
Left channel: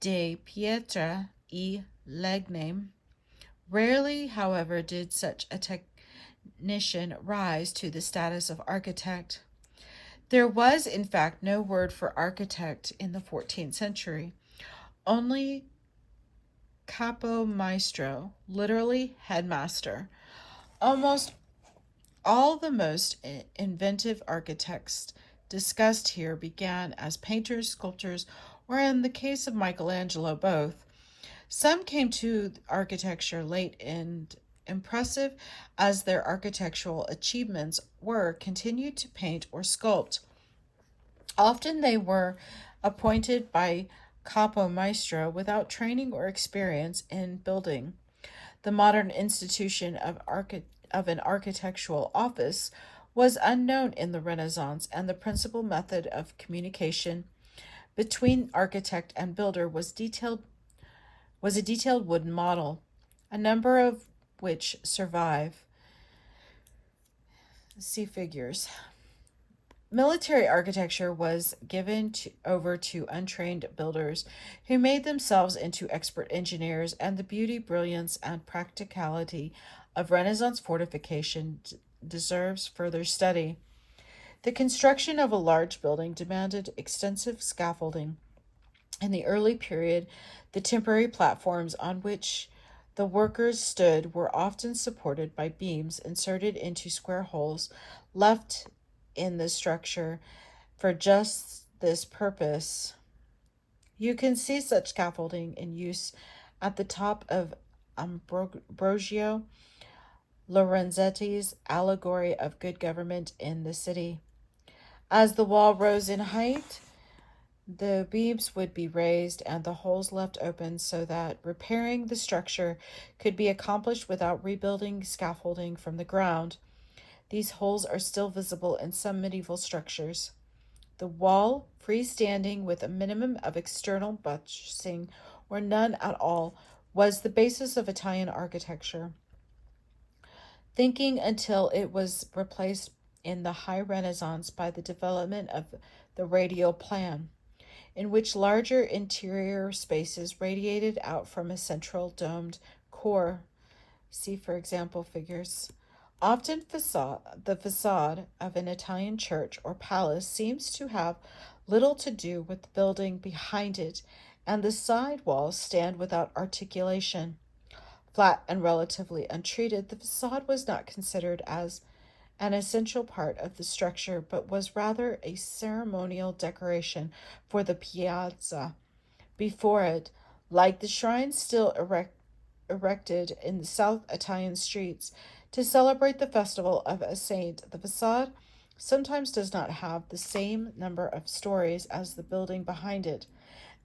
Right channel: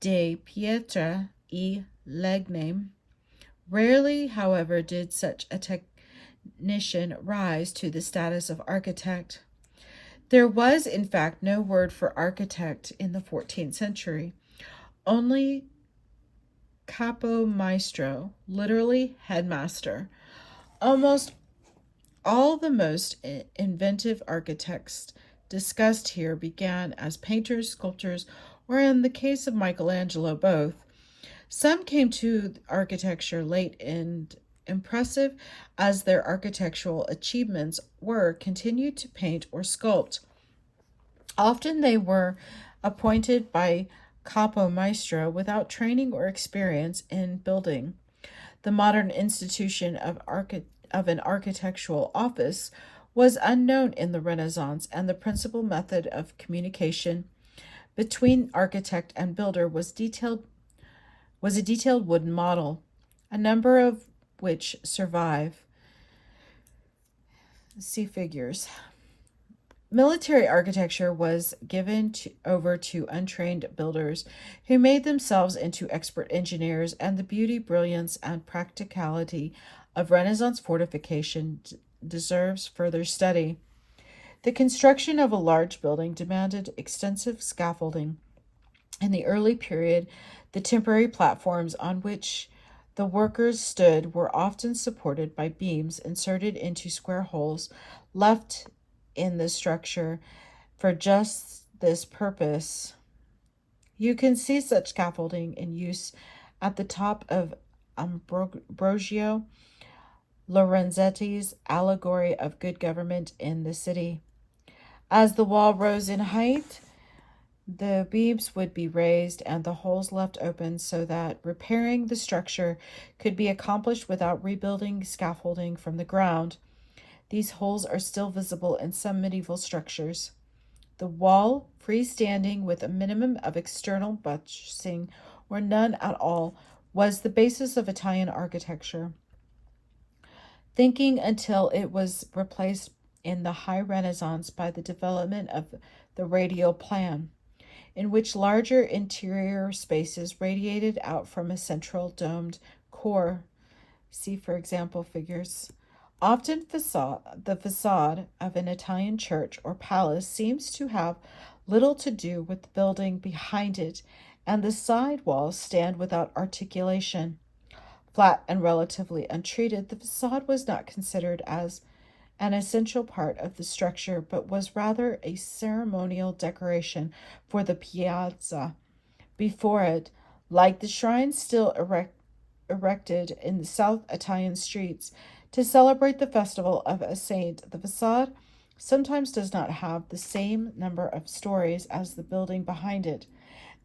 de Pietra e Legno. Rarely, however, did such a technician rise to the status of architect. There was, in fact, no word for architect in the 14th century, only capomaestro, literally headmaster. Almost all the most inventive architects discussed here began as painters, sculptors, or in the case of Michelangelo, both. Some came to architecture late, and impressive as their architectural achievements were, continued to paint or sculpt. Often they were appointed by capomaestro without training or experience in building. The modern institution of an architectural office was unknown in the Renaissance, and the principal method of communication between architect and builder was a detailed wooden model, a number of which survive. See figures. Military architecture was given over to untrained builders who made themselves into expert engineers, and the beauty, brilliance, and practicality of Renaissance fortification deserves further study. The construction of a large building demanded extensive scaffolding. In the early period, the temporary platforms on which the workers stood were often supported by beams inserted into square holes left in the structure for just this purpose. You can see such scaffolding in use at the top of Ambrogio Lorenzetti's allegory of good government in the city. As the wall rose in height, the beams would be raised and the holes left open so that repairing the structure could be accomplished without rebuilding scaffolding from the ground. These holes are still visible in some medieval structures. The wall, freestanding with a minimum of external buttressing or none at all, was the basis of Italian architecture, thinking until it was replaced in the High Renaissance by the development of the radial plan, in which larger interior spaces radiated out from a central domed core. See, for example, figures. Often the facade of an Italian church or palace seems to have little to do with the building behind it, and the side walls stand without articulation. Flat and relatively untreated, the facade was not considered as an essential part of the structure, but was rather a ceremonial decoration for the piazza before it, like the shrines still erected in the South Italian streets to celebrate the festival of a saint. The facade sometimes does not have the same number of stories as the building behind it,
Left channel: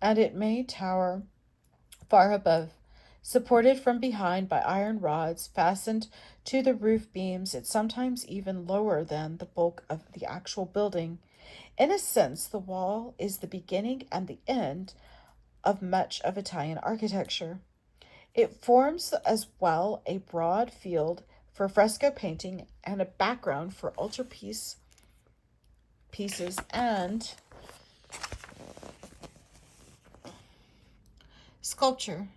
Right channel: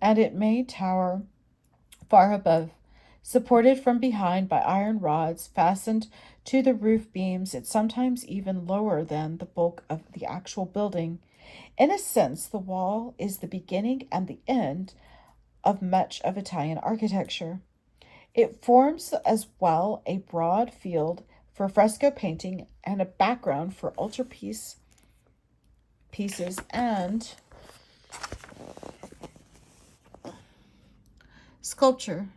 and it may tower far above. Supported from behind by iron rods fastened to the roof beams, it's sometimes even lower than the bulk of the actual building. In a sense, the wall is the beginning and the end of much of Italian architecture. It forms as well a broad field for fresco painting and a background for altarpiece pieces and sculpture.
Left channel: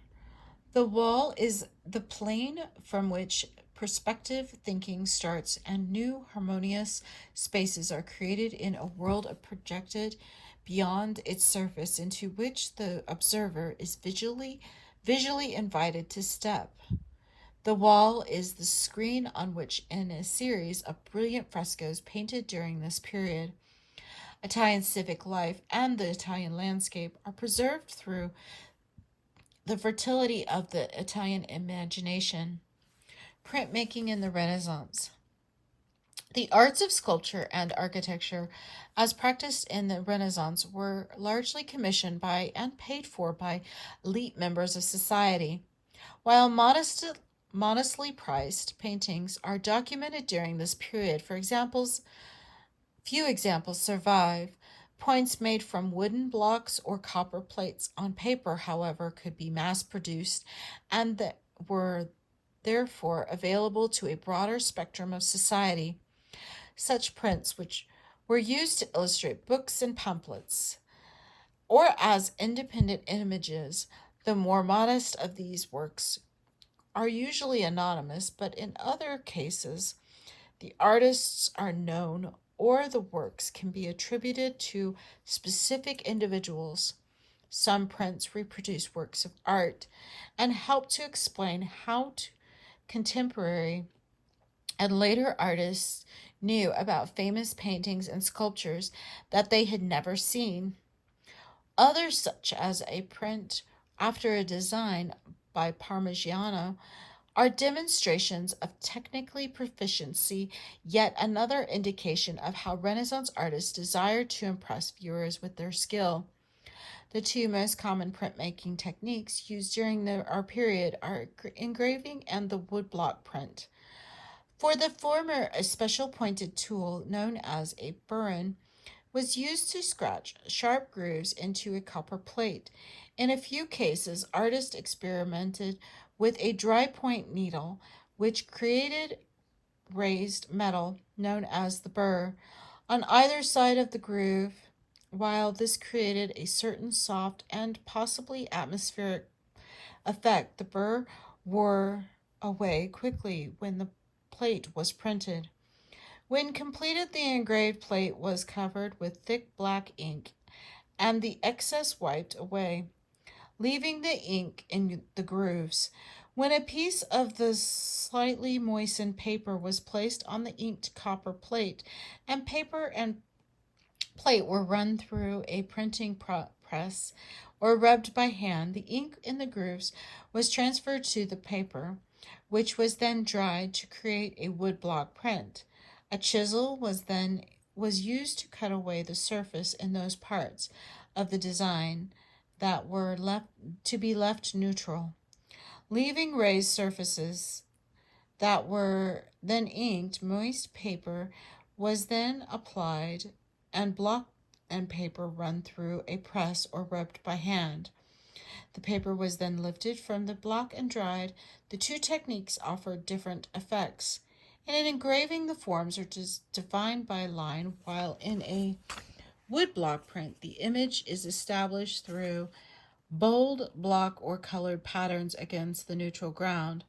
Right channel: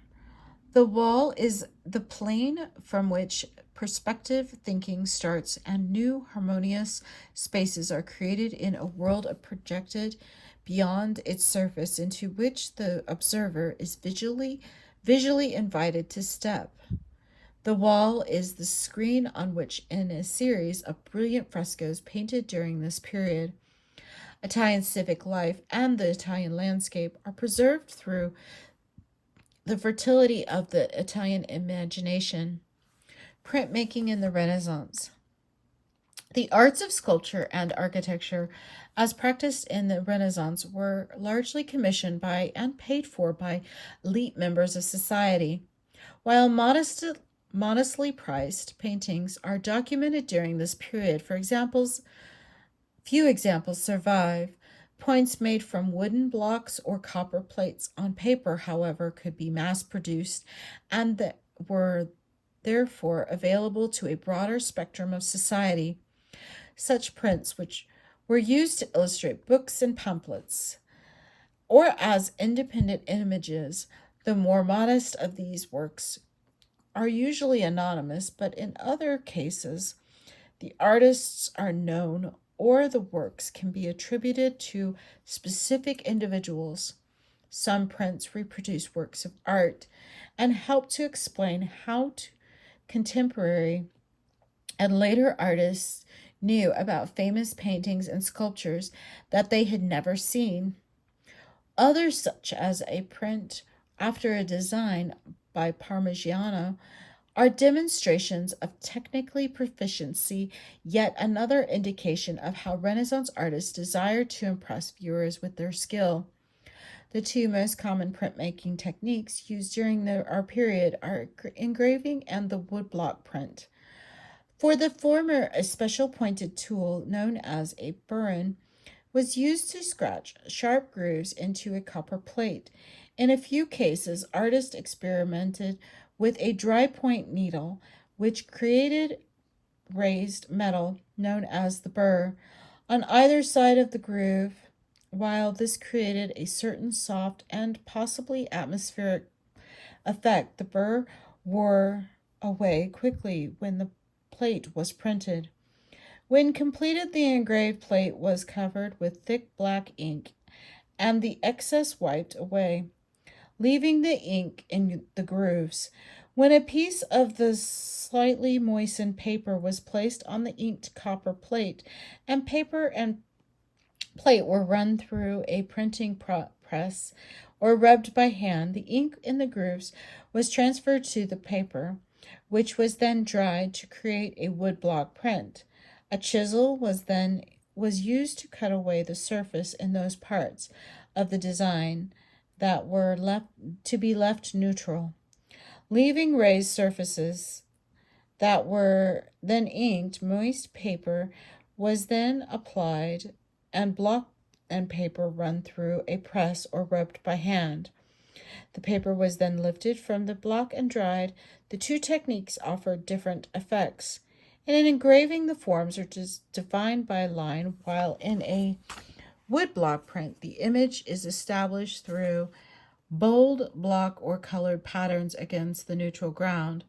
The wall is the plane from which perspective thinking starts, and new harmonious spaces are created in a world projected beyond its surface into which the observer is visually invited to step. The wall is the screen on which, in a series of brilliant frescoes painted during this period, Italian civic life and the Italian landscape are preserved through the fertility of the Italian imagination. Printmaking in the Renaissance. The arts of sculpture and architecture, as practiced in the Renaissance, were largely commissioned by and paid for by elite members of society. While modestly priced paintings are documented during this period, few examples survive. Points made from wooden blocks or copper plates on paper, however, could be mass-produced and were therefore available to a broader spectrum of society. Such prints, which were used to illustrate books and pamphlets, or as independent images, the more modest of these works are usually anonymous, but in other cases, the artists are known or the works can be attributed to specific individuals. Some prints reproduce works of art and help to explain how contemporary and later artists knew about famous paintings and sculptures that they had never seen. Others, such as a print after a design by Parmigiano, are demonstrations of technically proficiency, yet another indication of how Renaissance artists desired to impress viewers with their skill. The two most common printmaking techniques used during our period are engraving and the woodblock print. For the former, a special pointed tool known as a burin was used to scratch sharp grooves into a copper plate. In a few cases, artists experimented with a dry point needle, which created raised metal known as the burr on either side of the groove. While this created a certain soft and possibly atmospheric effect, the burr wore away quickly when the plate was printed. When completed, the engraved plate was covered with thick black ink and the excess wiped away, leaving the ink in the grooves. When a piece of the slightly moistened paper was placed on the inked copper plate, and paper and plate were run through a printing press or rubbed by hand, the ink in the grooves was transferred to the paper, which was then dried to create a woodblock print. A chisel was used to cut away the surface in those parts of the design that were left neutral, leaving raised surfaces that were then inked. Moist paper was then applied and block and paper run through a press or rubbed by hand. The paper was then lifted from the block and dried. The two techniques offered different effects. In an engraving, the forms are just defined by a line, while in a woodblock print, the image is established through bold block or colored patterns against the neutral ground.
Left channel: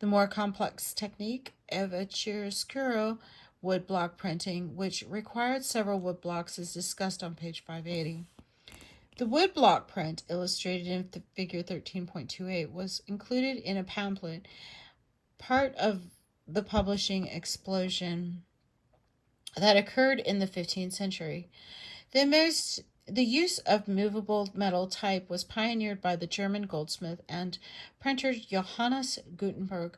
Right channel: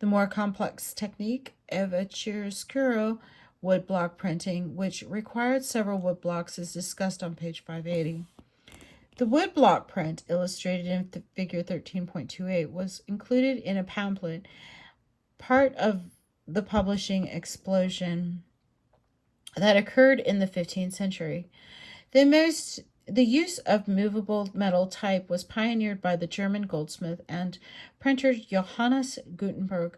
The more complex technique of a chiaroscuro woodblock printing, which required several woodblocks, is discussed on page 580. The woodblock print, illustrated in figure 13.28, was included in a pamphlet, part of the publishing explosion that occurred in the 15th century. The use of movable metal type was pioneered by the German goldsmith and printer Johannes Gutenberg,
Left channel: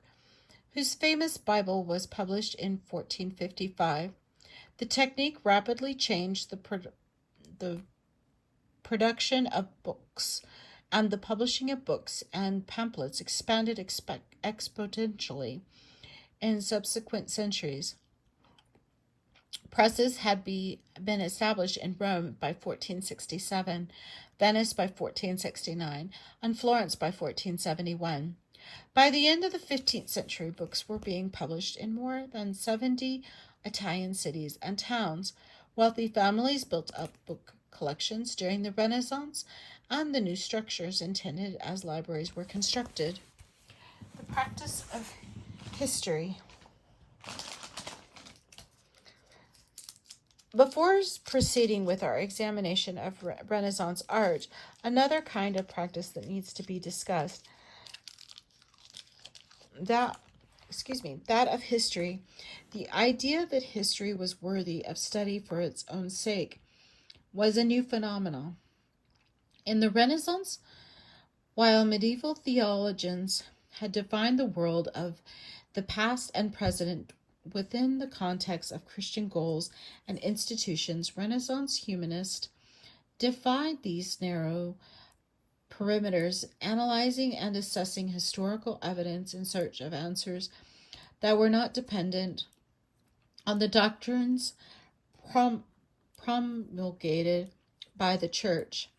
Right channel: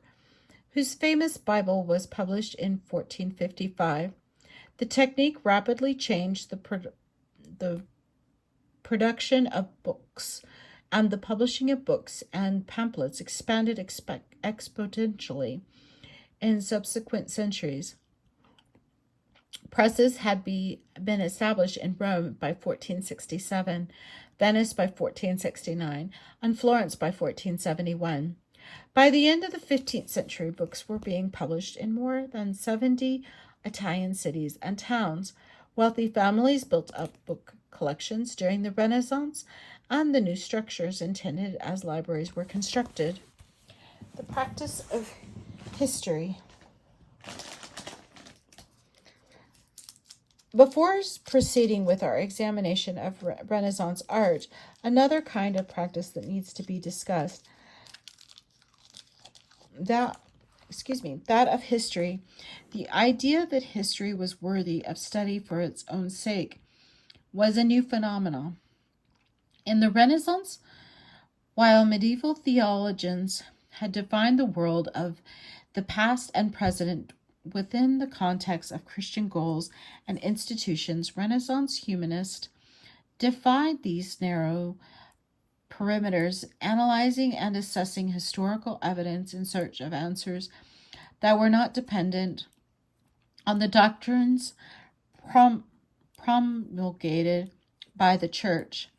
whose famous Bible was published in 1455. The technique rapidly changed the production of books, and the publishing of books and pamphlets expanded exponentially in subsequent centuries. Presses had been established in Rome by 1467, Venice by 1469, and Florence by 1471. By the end of the 15th century, books were being published in more than 70 Italian cities and towns. Wealthy families built up book collections during the Renaissance, and the new structures intended as libraries were constructed. The practice of history. Before proceeding with our examination of Renaissance art, another kind of practice that needs to be discussed, that of history. The idea that history was worthy of study for its own sake was a new phenomenon. In the Renaissance, while medieval theologians had defined the world of the past and present within the context of Christian goals and institutions, Renaissance humanists defied these narrow perimeters, analyzing and assessing historical evidence in search of answers that were not dependent on the doctrines promulgated by the Church.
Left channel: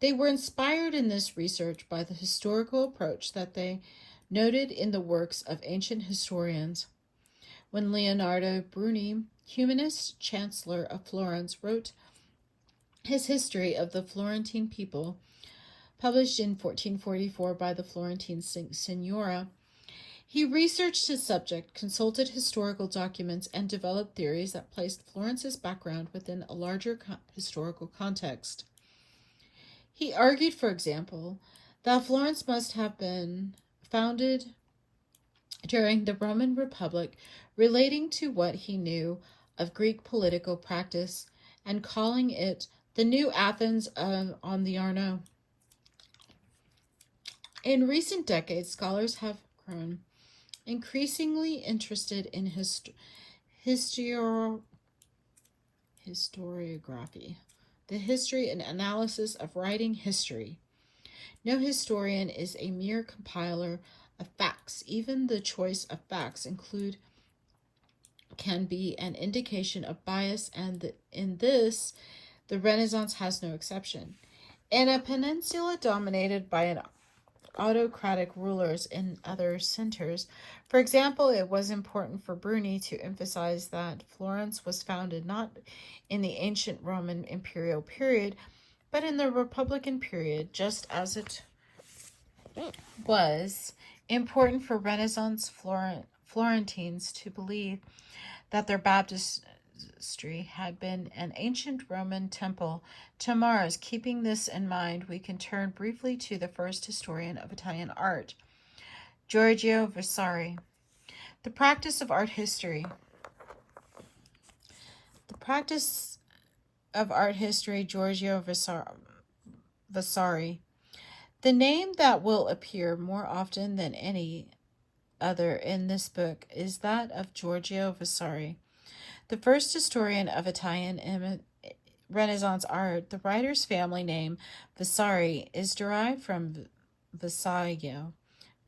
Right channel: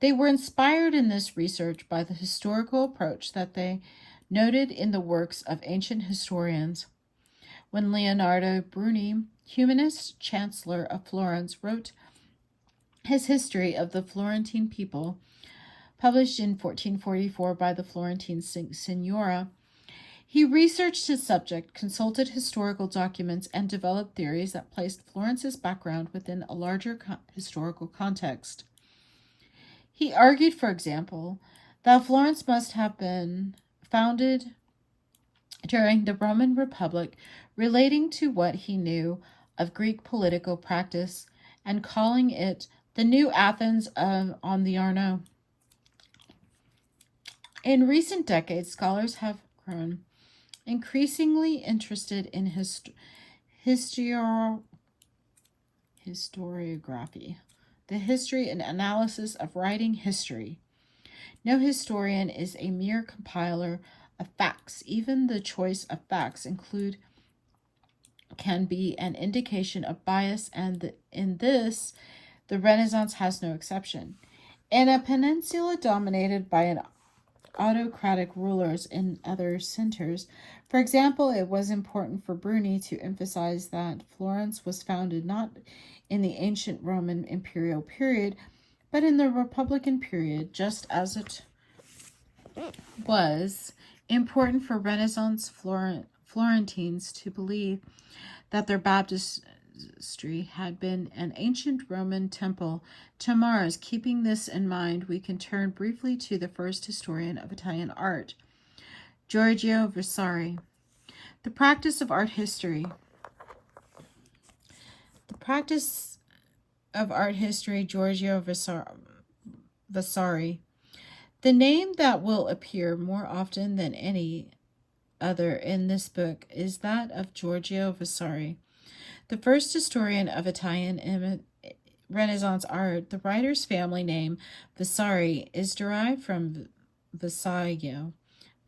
They were inspired in this research by the historical approach that they noted in the works of ancient historians. When Leonardo Bruni, humanist chancellor of Florence, wrote his History of the Florentine People, published in 1444 by the Florentine Signora, he researched his subject, consulted historical documents, and developed theories that placed Florence's background within a larger historical context. He argued, for example, that Florence must have been founded during the Roman Republic, relating to what he knew of Greek political practice and calling it the new Athens on the Arno. In recent decades, scholars have grown increasingly interested in historiography, the history and analysis of writing history. No historian is a mere compiler of facts. Even the choice of facts can be an indication of bias, and in this, the Renaissance has no exception. In a peninsula dominated by an autocratic rulers in other centers, for example, it was important for Bruni to emphasize that Florence was founded not in the ancient Roman imperial period, but in the Republican period, just as it was important for Renaissance Florentines to believe that their baptistry had been an ancient Roman temple to Mars. Keeping this in mind, we can turn briefly to the first historian of Italian art, Giorgio Vasari. The practice of art history. Giorgio Vasari. The name that will appear more often than any other in this book is that of Giorgio Vasari, the first historian of Italian Renaissance art. The writer's family name, Vasari, is derived from Vassaio,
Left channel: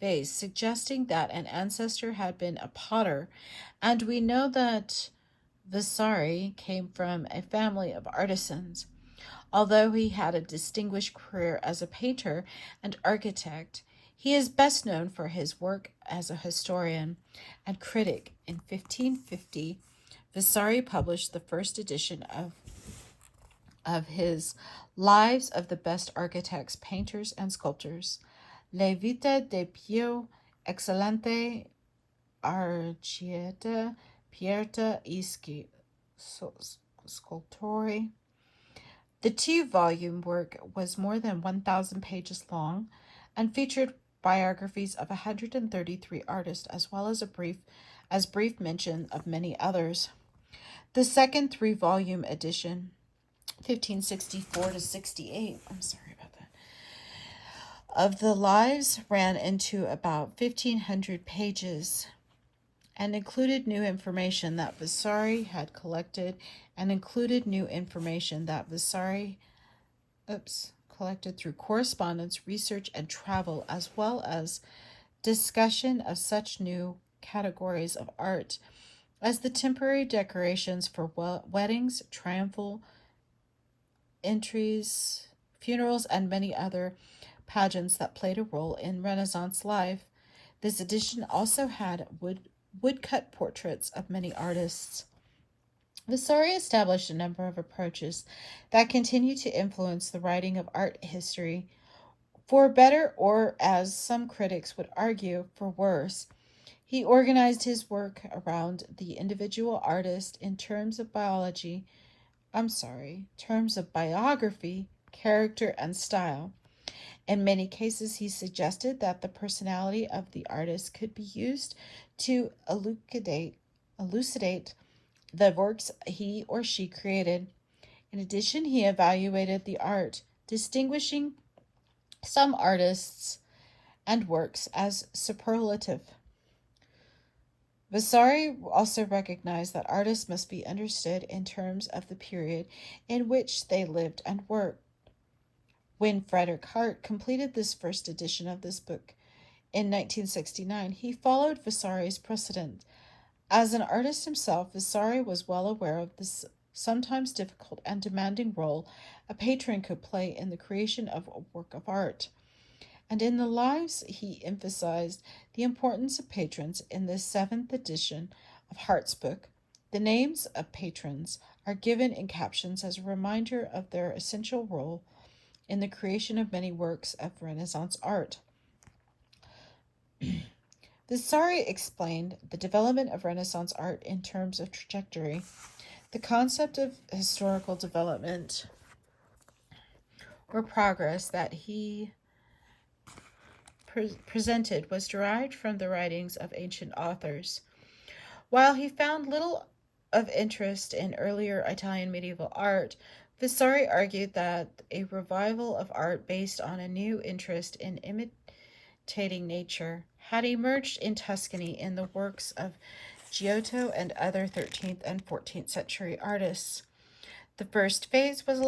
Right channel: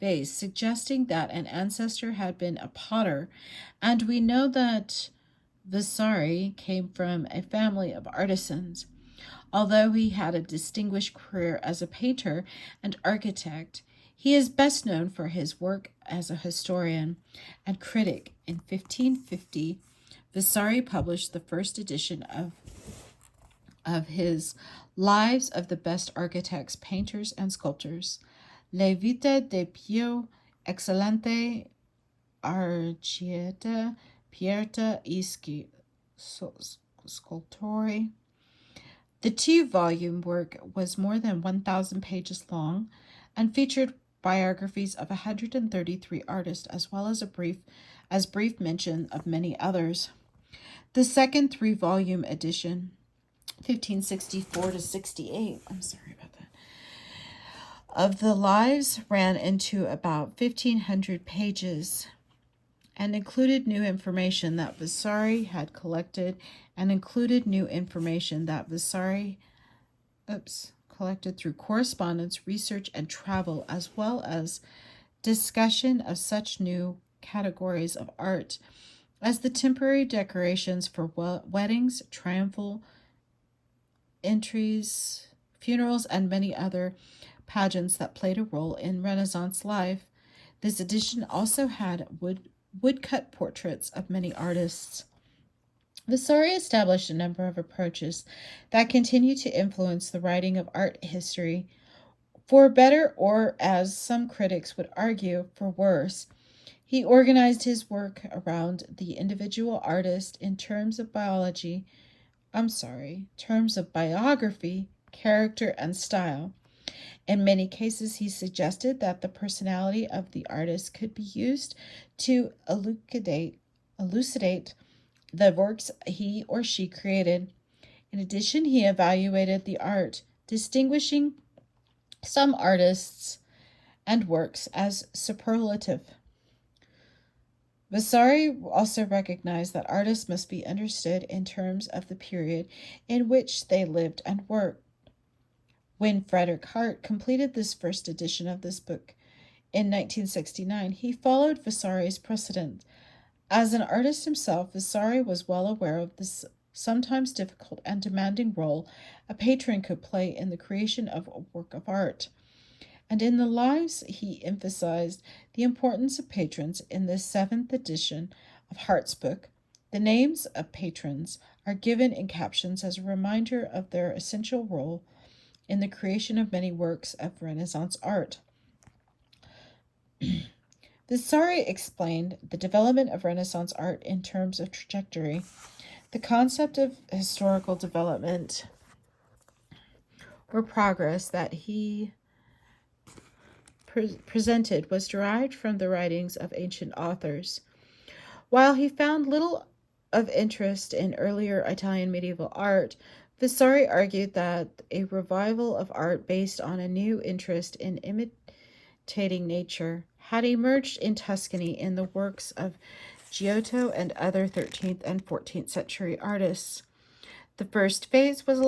vase, suggesting that an ancestor had been a potter, and we know that Vasari came from a family of artisans. Although he had a distinguished career as a painter and architect, He is best known for his work as a historian and critic. In 1550, Vasari published the first edition of his Lives of the Best Architects, Painters, and Sculptors, Le Vita de Pio Excellente Archieta Pierta Ischi Scultori. The two-volume work was more than 1,000 pages long and featured biographies of 133 artists, as well as brief mention of many others. The second three-volume edition, 1564 to 68, of the Lives ran into about 1,500 pages and included new information that Vasari had collected collected through correspondence, research, and travel, as well as discussion of such new categories of art as the temporary decorations for weddings, triumphal entries, funerals, and many other pageants that played a role in Renaissance life. This edition also had woodcut portraits of many artists. Vasari established a number of approaches that continue to influence the writing of art history, for better, or as some critics would argue, for worse. He organized his work around the individual artist in terms of biography, character, and style. In many cases, he suggested that the personality of the artist could be used to elucidate the works he or she created. In addition, he evaluated the art, distinguishing some artists and works as superlative. Vasari also recognized that artists must be understood in terms of the period in which they lived and worked. When Frederick Hartt completed this first edition of this book in 1969, he followed Vasari's precedent. As an artist himself, Vasari was well aware of the sometimes difficult and demanding role a patron could play in the creation of a work of art. And in the Lives, he emphasized the importance of patrons. In this 7th edition of Hart's book, the names of patrons are given in captions as a reminder of their essential role in the creation of many works of Renaissance art. Vasari explained the development of Renaissance art in terms of trajectory. The concept of historical development or progress that he presented was derived from the writings of ancient authors. While he found little of interest in earlier Italian medieval art, Vasari argued that a revival of art based on a new interest in imitating nature had emerged in Tuscany in the works of Giotto and other 13th and 14th century artists. The first phase was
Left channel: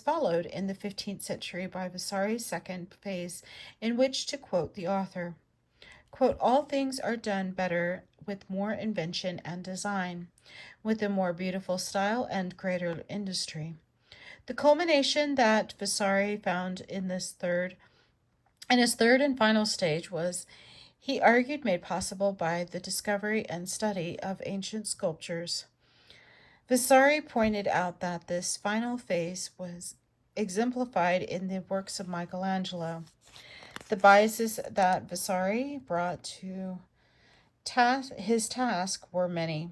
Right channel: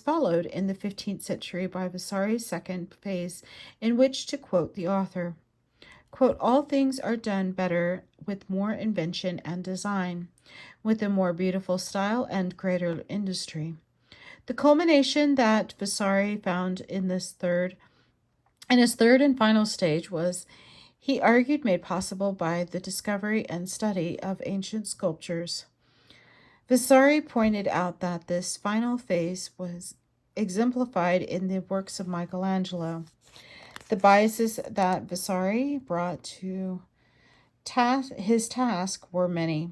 followed in the 15th century by Vasari's second phase, in which, to quote the author, quote, all things are done better with more invention and design, with a more beautiful style and greater industry. The culmination that Vasari found in his third and final stage was, he argued, made possible by the discovery and study of ancient sculptures. Vasari pointed out that this final phase was exemplified in the works of Michelangelo. The biases that Vasari brought to his task were many.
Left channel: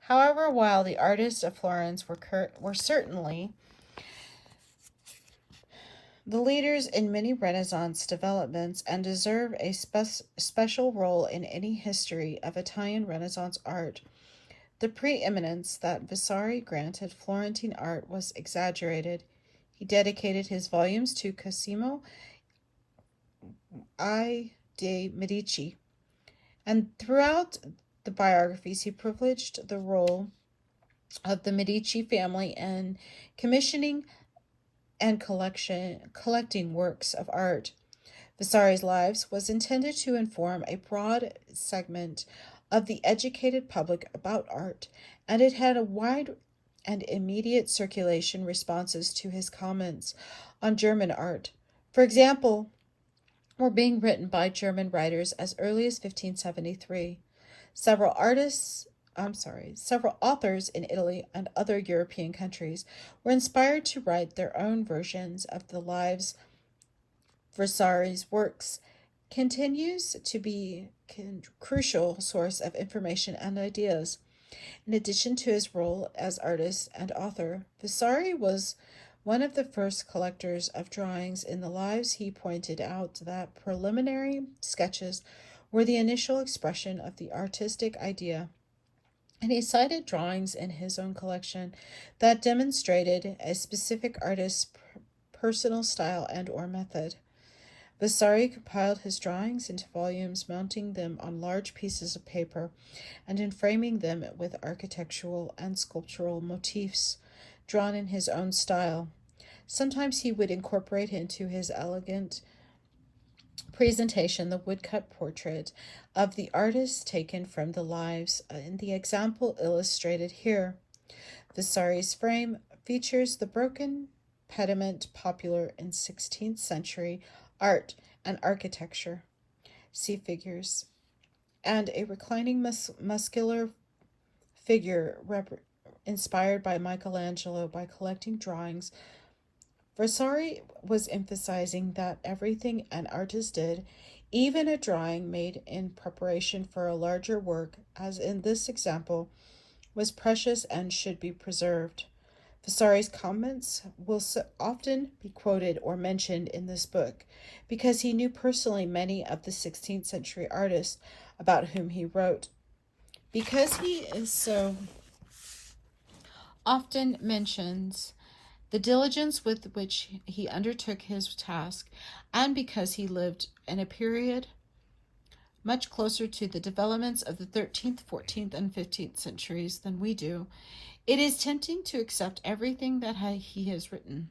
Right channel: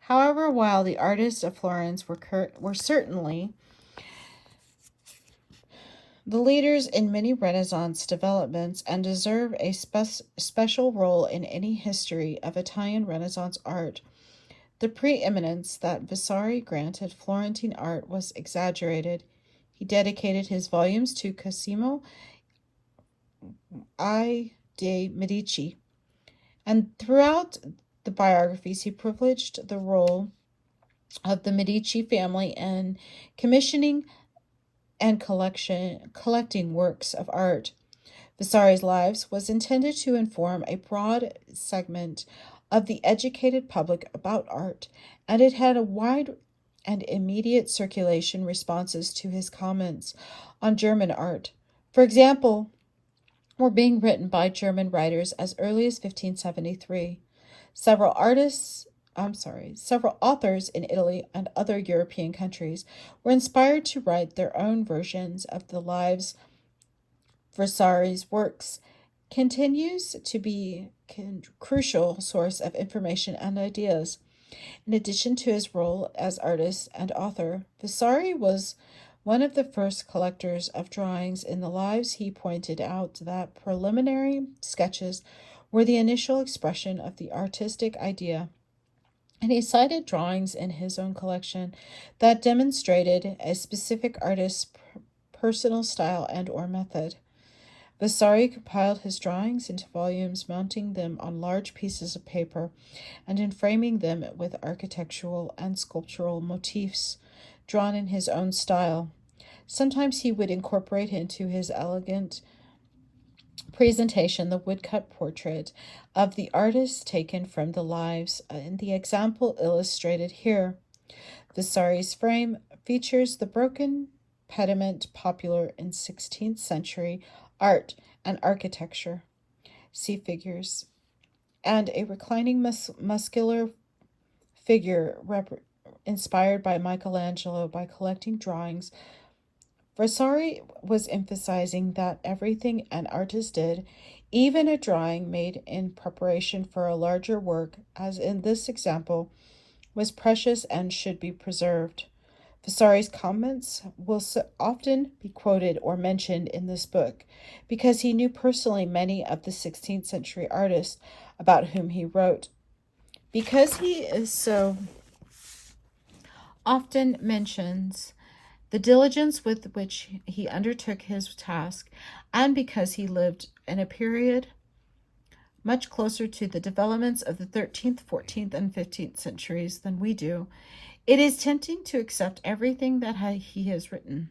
However, while the artists of Florence were certainly the leaders in many Renaissance developments and deserve a special role in any history of Italian Renaissance art, the preeminence that Vasari granted Florentine art was exaggerated. He dedicated his volumes to Cosimo I de' Medici, and throughout the biographies he privileged the role of the Medici family in commissioning and collecting works of art. Vasari's Lives was intended to inform a broad segment of the educated public about art, and it had a wide and immediate circulation responses to his comments on German art. For example, were being written by German writers as early as 1573. Several authors in Italy and other European countries were inspired to write their own versions of the lives. Vasari's works continues to be a crucial source of information and ideas. In addition to his role as artist and author, Vasari was one of the first collectors of drawings in the lives. He pointed out that preliminary sketches were the initial expression of the artistic idea, and he cited drawings in his own collection that demonstrated a specific artist's personal style and or method. Vasari compiled his drawings into volumes, mounting them on large pieces of paper and framing them with architectural and sculptural motifs drawn in his own style. Sometimes he would incorporate into his elegant presentation the woodcut portrait of the artist taken from the lives in the example illustrated here. Vasari's frame features the broken pediment popular in 16th century art and architecture. See figures. And a reclining muscular figure inspired by Michelangelo by collecting drawings. Vasari was emphasizing that everything an artist did, even a drawing made in preparation for a larger work, as in this example, was precious and should be preserved. Vasari's comments will often be quoted or mentioned in this book because he knew personally many of the 16th century artists about whom he wrote. Because he is so often mentions the diligence with which he undertook his task, and because he lived in a period much closer to the developments of the 13th, 14th, and 15th centuries than we do, it is tempting to accept everything that he has written.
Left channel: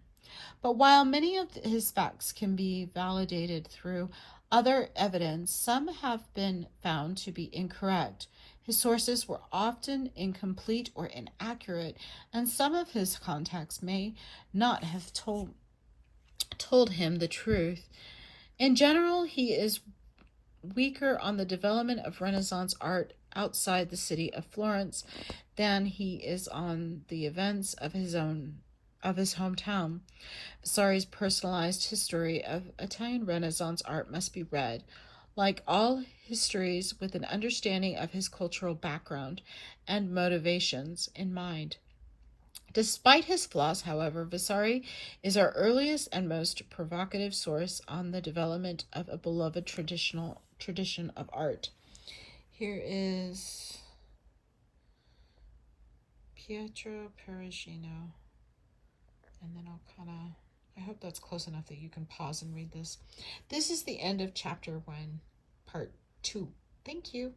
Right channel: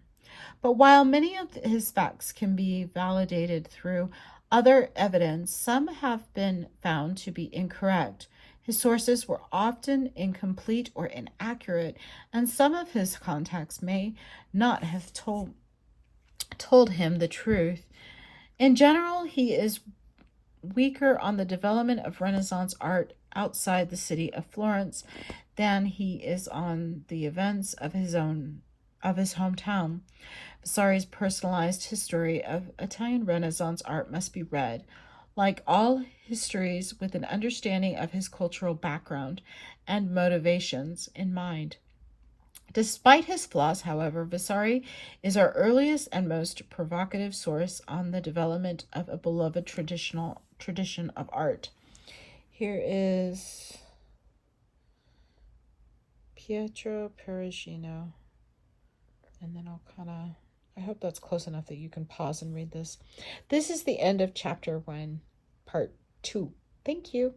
But while many of his facts can be validated through other evidence, some have been found to be incorrect. His sources were often incomplete or inaccurate, and some of his contacts may not have told him the truth. In general, he is weaker on the development of Renaissance art outside the city of Florence than he is on the events of his hometown. Vasari's personalized history of Italian Renaissance art must be read, like all histories, with an understanding of his cultural background and motivations in mind. Despite his flaws, however, Vasari is our earliest and most provocative source on the development of a beloved tradition of art. Here is Pietro Perugino, and then I hope that's close enough that you can pause and read this. This is the end of chapter 1, part 2. Thank you.